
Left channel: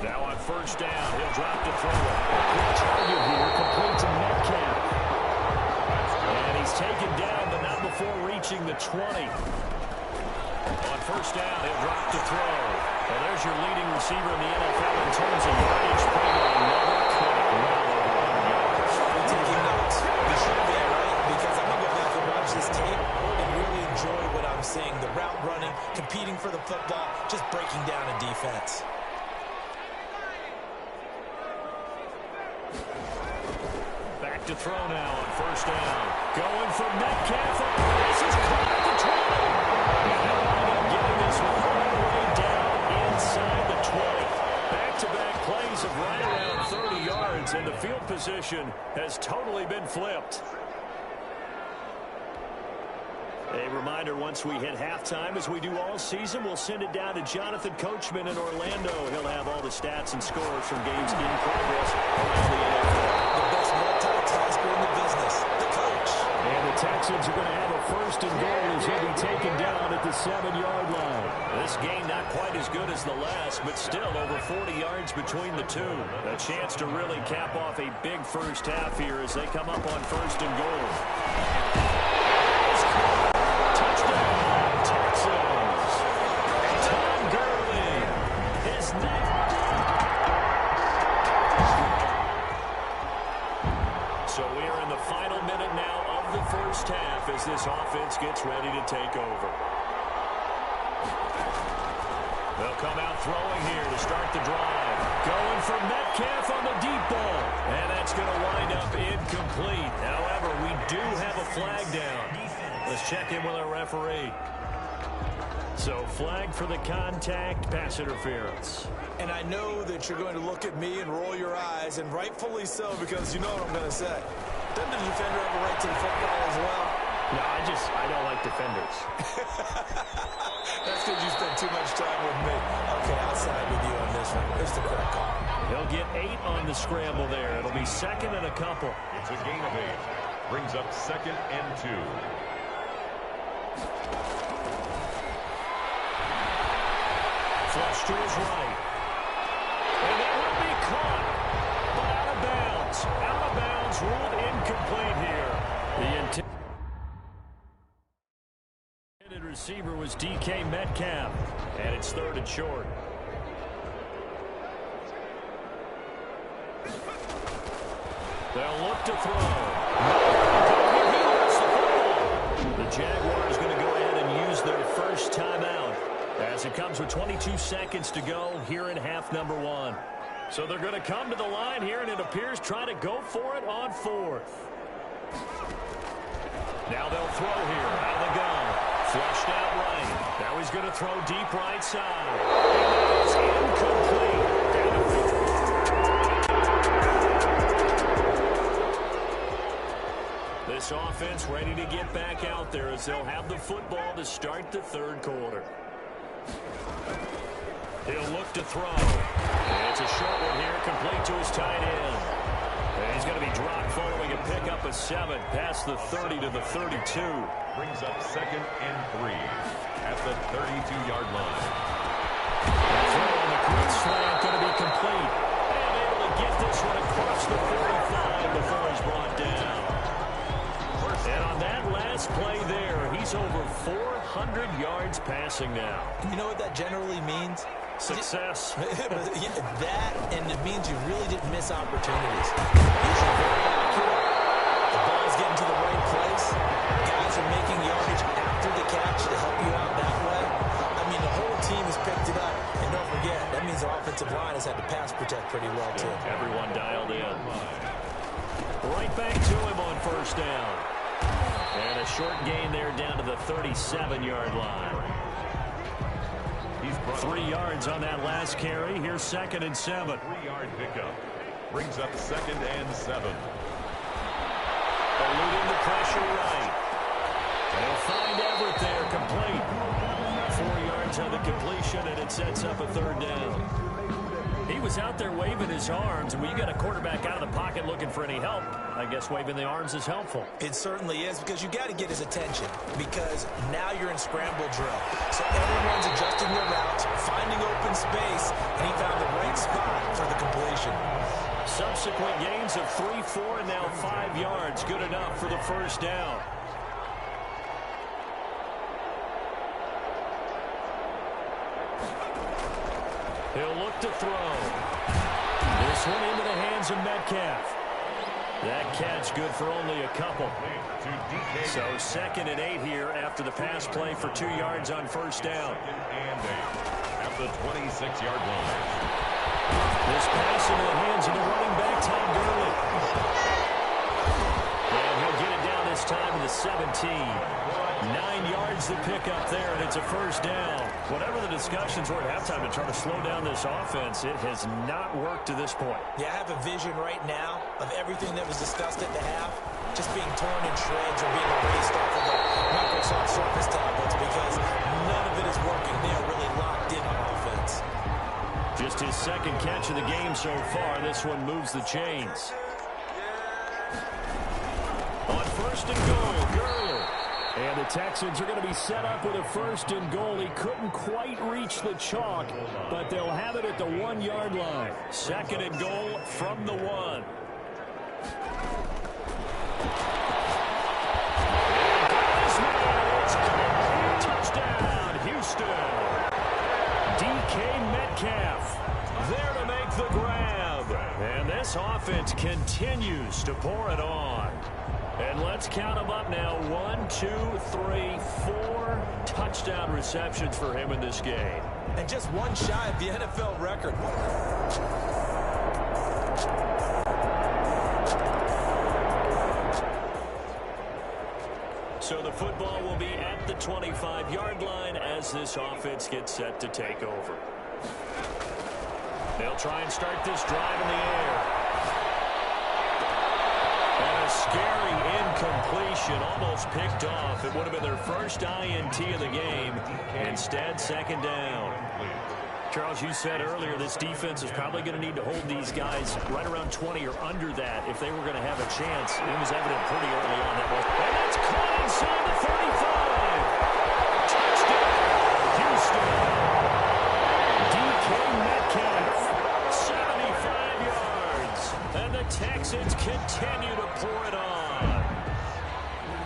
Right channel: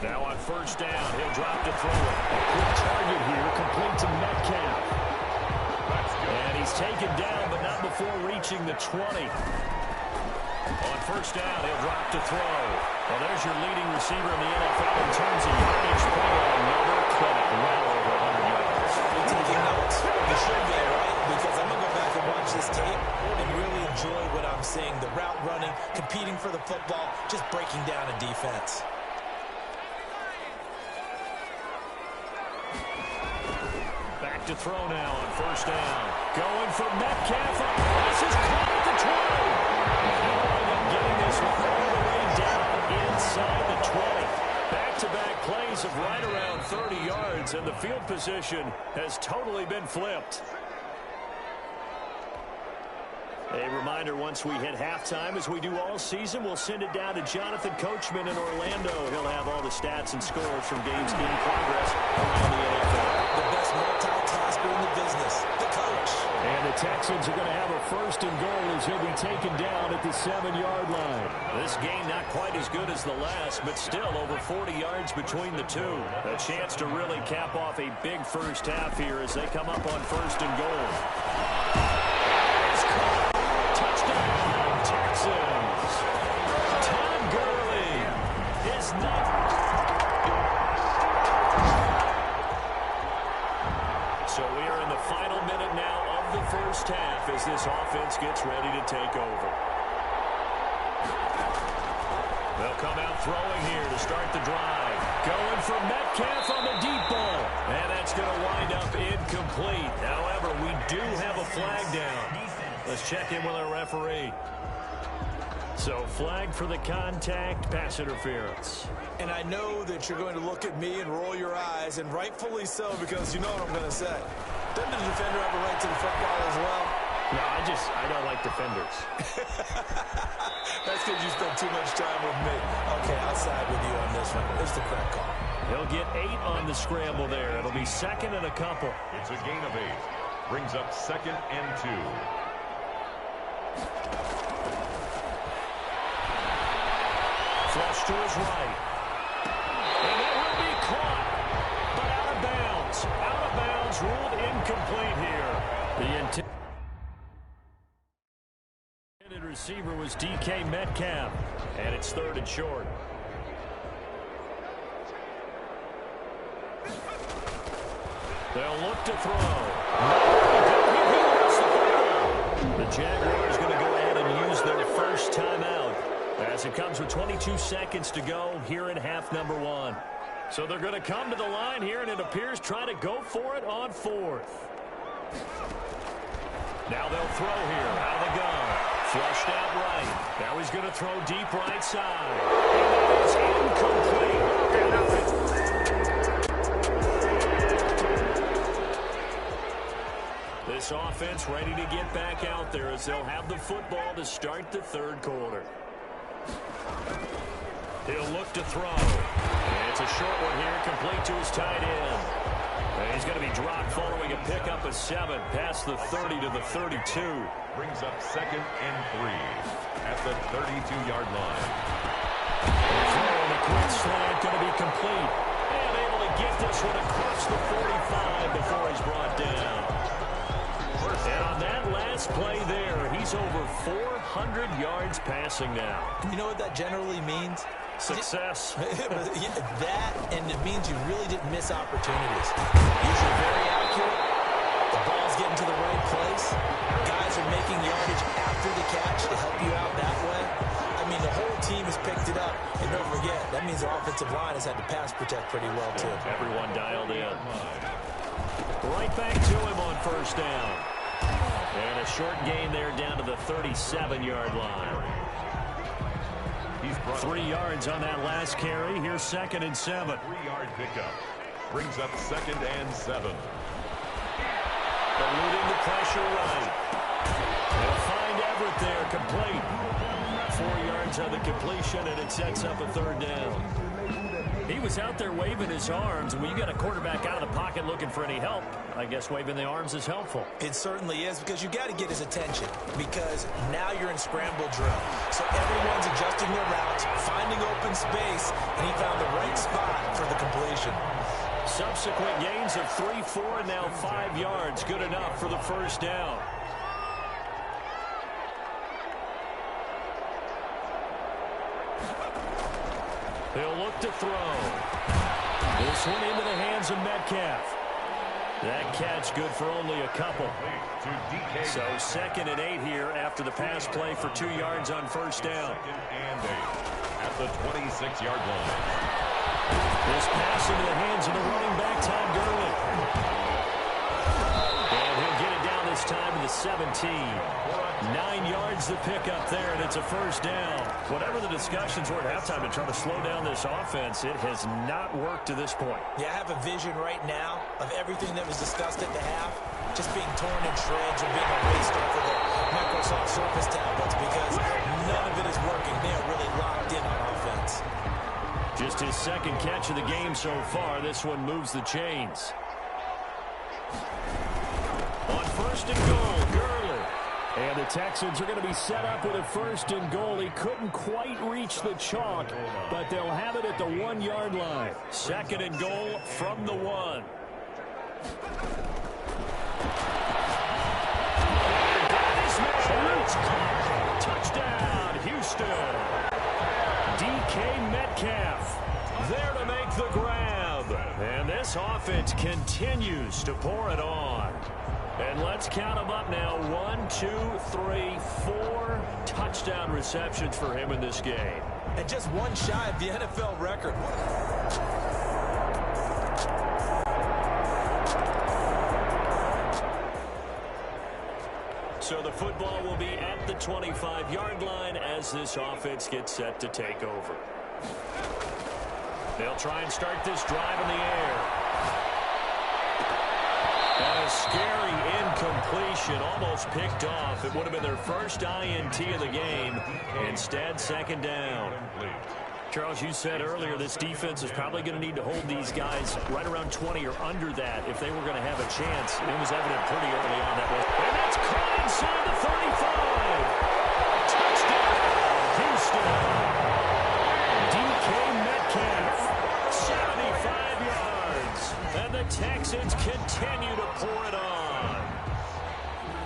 Now on 1st down, he'll drop to throw it. A quick target here, complete to Metcalf. And he's taken down, but not before reaching the 20. On 1st down, he'll drop to throw. Well, there's your leading receiver in the NFL in terms of yardage, putting on another clinic, well over 100 yards. You're taking notes. You should be, right? Because I'm going to go back and watch this tape and really enjoy what I'm seeing. The route running, competing for the football, just breaking down a defense. To throw now on 1st down. Going for Metcalf. This is caught at the 20. And they'll wind up getting this one all the way down inside the 20. Back-to-back plays of right around 30 yards, and the field position has totally been flipped. A reminder, once we hit halftime, as we do all season, we'll send it down to Jonathan Coachman in Orlando. He'll have all the stats and scores from games in progress around the NFL. The best multitasker in the business, the coach. And the Texans are going to have a 1st and goal as he'll be taken down at the 7-yard line. This game not quite as good as the last, but still over 40 yards between the two. A chance to really cap off a big first half here as they come up on 1st and goal. Touchdown, Texans. Todd Gurley, his 9th. So we are in the final minute now of the first half as this offense gets ready to take over. They'll come out throwing here to start the drive. Going for Metcalf on the deep ball. And that's going to wind up incomplete. However, we do have a flag down. Let's check in with our referee. So flag for the contact, pass interference. And I know that you're going to look at me and roll your eyes, and rightfully so, because you know what I'm going to say. Doesn't the defender have a right to the football as well? No, I don't like defenders. That's because you spend too much time with me. Okay, I'll side with you on this one. It's the correct call. He'll get 8 on the scramble there. It'll be second and a couple. It's a gain of 8. Brings up second and 2. Flush to his right. And that will be caught. But out of bounds. Out of bounds, ruled incomplete here. The intended receiver was DK Metcalf. And it's third and short. They'll look to throw. He lost the football. The Jaguars going to go ahead and use their first timeout as it comes with 22 seconds to go here in half number 1. So they're going to come to the line here, and it appears trying to go for it on 4th. Now they'll throw here out of the gun. Flushed out right. Now he's going to throw deep right side. And that is incomplete. This offense ready to get back out there as they'll have the football to start the third quarter. He'll look to throw. It's a short one here, complete to his tight end. And he's going to be dropped following a pickup of 7 past the 30 to the 32. Brings up second and 3 at the 32-yard line. The throw on the quick slant going to be complete. And able to get this one across the 45 before he's brought down. And on that last play there, he's over 400 yards passing now. You know what that generally means? Success. That, and it means you really didn't miss opportunities. Usually very accurate. The ball's getting to the right place. Guys are making yardage after the catch to help you out that way. I mean, the whole team has picked it up. And don't forget, that means the offensive line has had to pass protect pretty well, too. Everyone dialed in. Right back to him on first down. And a short gain there down to the 37-yard line. 3 yards on that last carry. Here's second and 7. 3-yard pickup. Brings up second and 7. Eluding the pressure right. They'll find Everett there, complete. 4 yards on the completion, and it sets up a third down. He was out there waving his arms, and when you got a quarterback out of the pocket looking for any help, I guess waving the arms is helpful. It certainly is, because you got to get his attention, because now you're in scramble drill. So everyone's adjusting their routes, finding open space, and he found the right spot for the completion. Subsequent gains of 3, 4, and now 5 yards. Good enough for the first down. He'll look to throw. This one into the hands of Metcalf. That catch good for only a couple. So second and 8 here after the pass play for 2 yards on first down. Second and 8 at the 26-yard line. This pass into the hands of the running back, Todd Gurley. And he'll get it down this time to the 17. 9 yards to pick up there, and it's a first down. Whatever the discussions were at halftime to try to slow down this offense, it has not worked to this point. Yeah, I have a vision right now of everything that was discussed at the half just being torn in shreds or being erased off of the Microsoft Surface tablets, because none of it is working. They are really locked in on offense. Just his second catch of the game so far. This one moves the chains. On first and goal, Gurley. And the Texans are going to be set up with a first and goal. He couldn't quite reach the chalk, but they'll have it at the 1-yard line. Second and goal from the 1. And got his man. It's caught. Touchdown, Houston. DK Metcalf there to make the grab. And this offense continues to pour it on. And let's count them up now. 1, 2, 3, 4 touchdown receptions for him in this game. And just one shy of the NFL record. So the football will be at the 25-yard line as this offense gets set to take over. They'll try and start this drive in the air. And a scary incompletion, almost picked off. It would have been their first INT of the game. Instead, second down. Charles, you said earlier this defense is probably going to need to hold these guys right around 20 or under that if they were going to have a chance. It was evident pretty early on that was. And that's caught inside the 35. Touchdown, Houston. DK Metcalf, 75 yards. And the Texans continue to pour it on.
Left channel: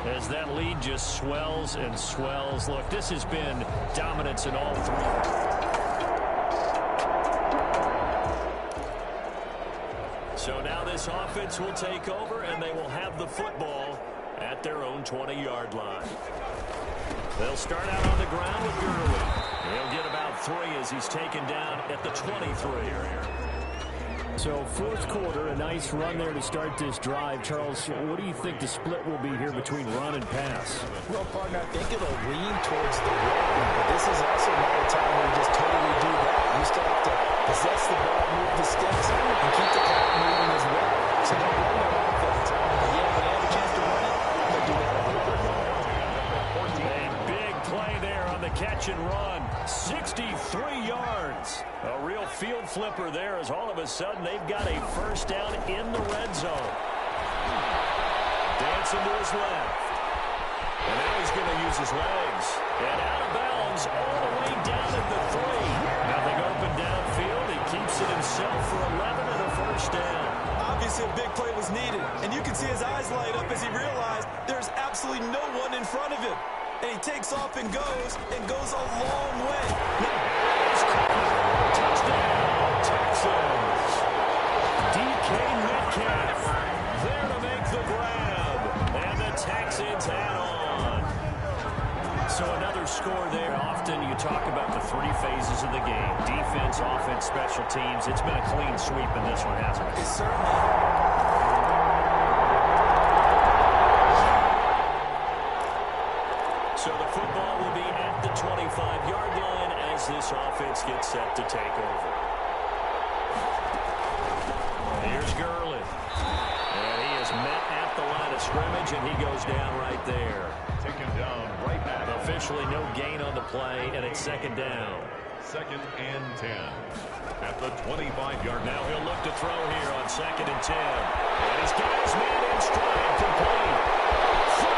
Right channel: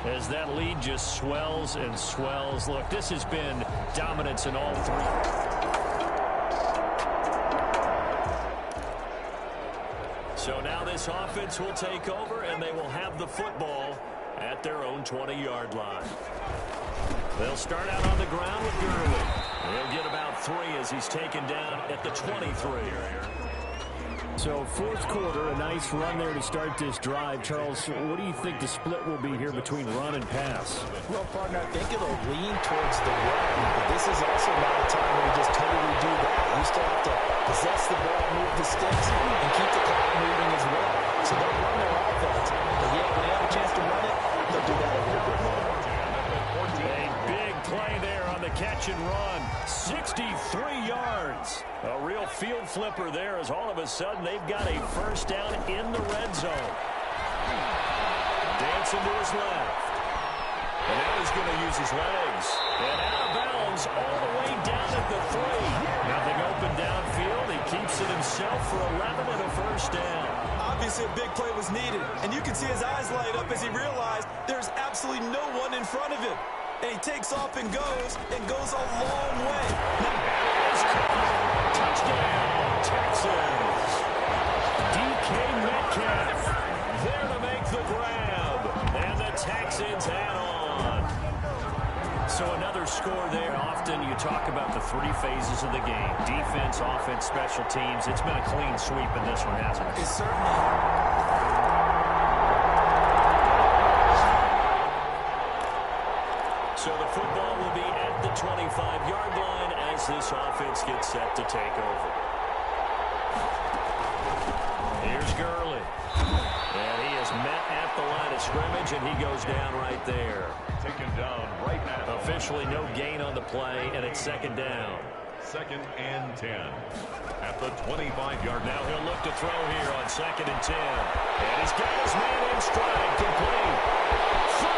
As that lead just swells and swells. Look, this has been dominance in all three. So now this offense will take over, and they will have the football at their own 20-yard line. They'll start out on the ground with Gurley. He'll get about 3 as he's taken down at the 23. So fourth quarter, a nice run there to start this drive. Charles, what do you think the split will be here between run and pass? Well, partner, I think it'll lean towards the run, but this is also not a time where you just totally do that. You still have to possess the ball, move the sticks, and keep the clock moving as well. So they'll run their offense. But yeah, when they have a chance to run it, they'll do that a little bit more. A big play there on the catch and run. 63 yards. A real field flipper there as all of a sudden they've got a first down in the red zone. Dancing to his left. And now he's going to use his legs. And out of bounds all the way down at the 3. Nothing open downfield. He keeps it himself for 11 and a first down. Obviously a big play was needed. And you can see his eyes light up as he realized there's absolutely no one in front of him. And he takes off and goes a long way. Touchdown, Texans. DK Metcalf there to make the grab. And the Texans add on. So another score there. Often you talk about the 3 phases of the game. Defense, offense, special teams. It's been a clean sweep in this one, hasn't it? It's certainly. So the football will be at the 25-yard line as this offense gets set to take over. Here's Gurley. And he is met at the line of scrimmage, and he goes down right there. Taken down right now. Officially no gain on the play, and it's second down. Second and 10. At the 25-yard line. Now he'll look to throw here on second and 10. And he's got his man in stride, complete. 30,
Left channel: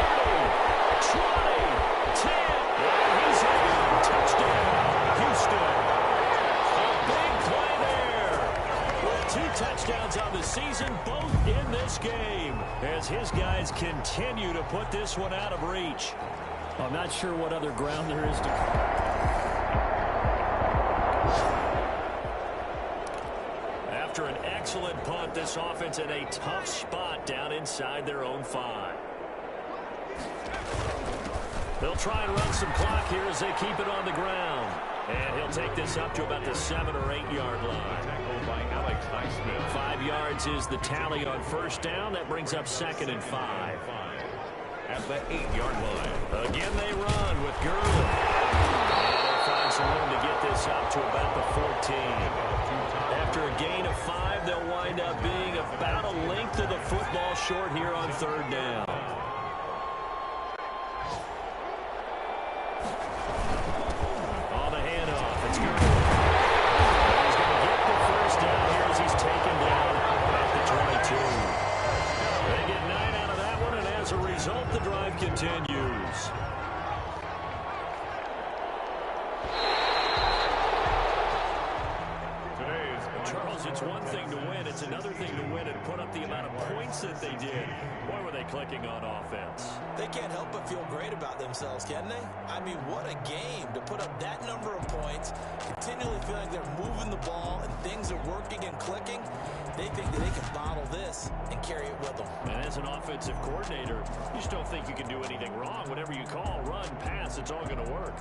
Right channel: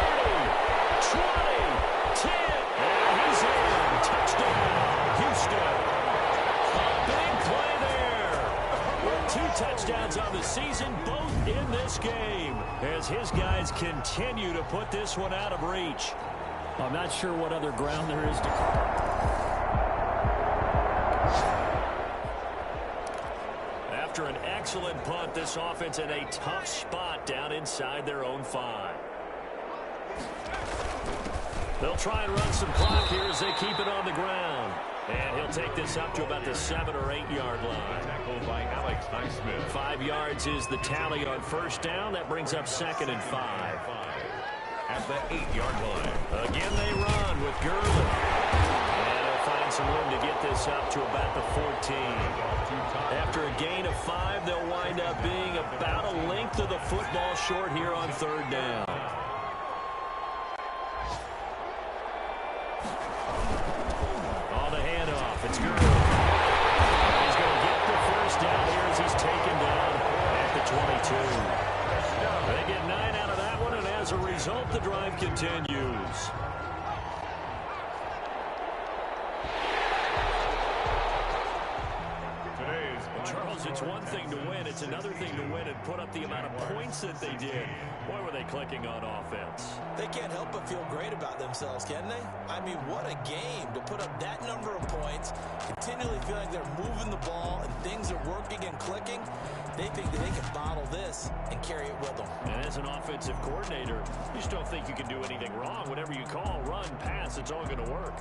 20, 10, and he's in. Touchdown, Houston. A big play there. With 2 touchdowns on the season, both in this game, as his guys continue to put this one out of reach. I'm not sure what other ground there is to cover. After an excellent punt, this offense in a tough spot down inside their own 5. They'll try and run some clock here as they keep it on the ground. And he'll take this up to about the 7 or 8 yard line. Tackled by Alex Highsmith. 5 yards is the tally on first down. That brings up second and 5. At the 8-yard line. Again they run with Gurley. And they'll find some room to get this up to about the 14. After a gain of 5, they'll wind up being about a length of the football short here on third down. It's Gurley. And he's going to get the first down here as he's taken down at the 22. They get 9 out of that one, and as a result, the drive continues. Charles, it's one thing to win. It's another thing to win and put up the amount of points that they did. Boy, were they clicking on offense. They can't help but feel great about themselves, can they? I mean, what a game to put up that number of points, continually feeling they're moving the ball and things are working and clicking. They think that they can bottle this and carry it with them. And as an offensive coordinator, you just don't think you can do anything wrong. Whatever you call, run, pass, it's all going to work.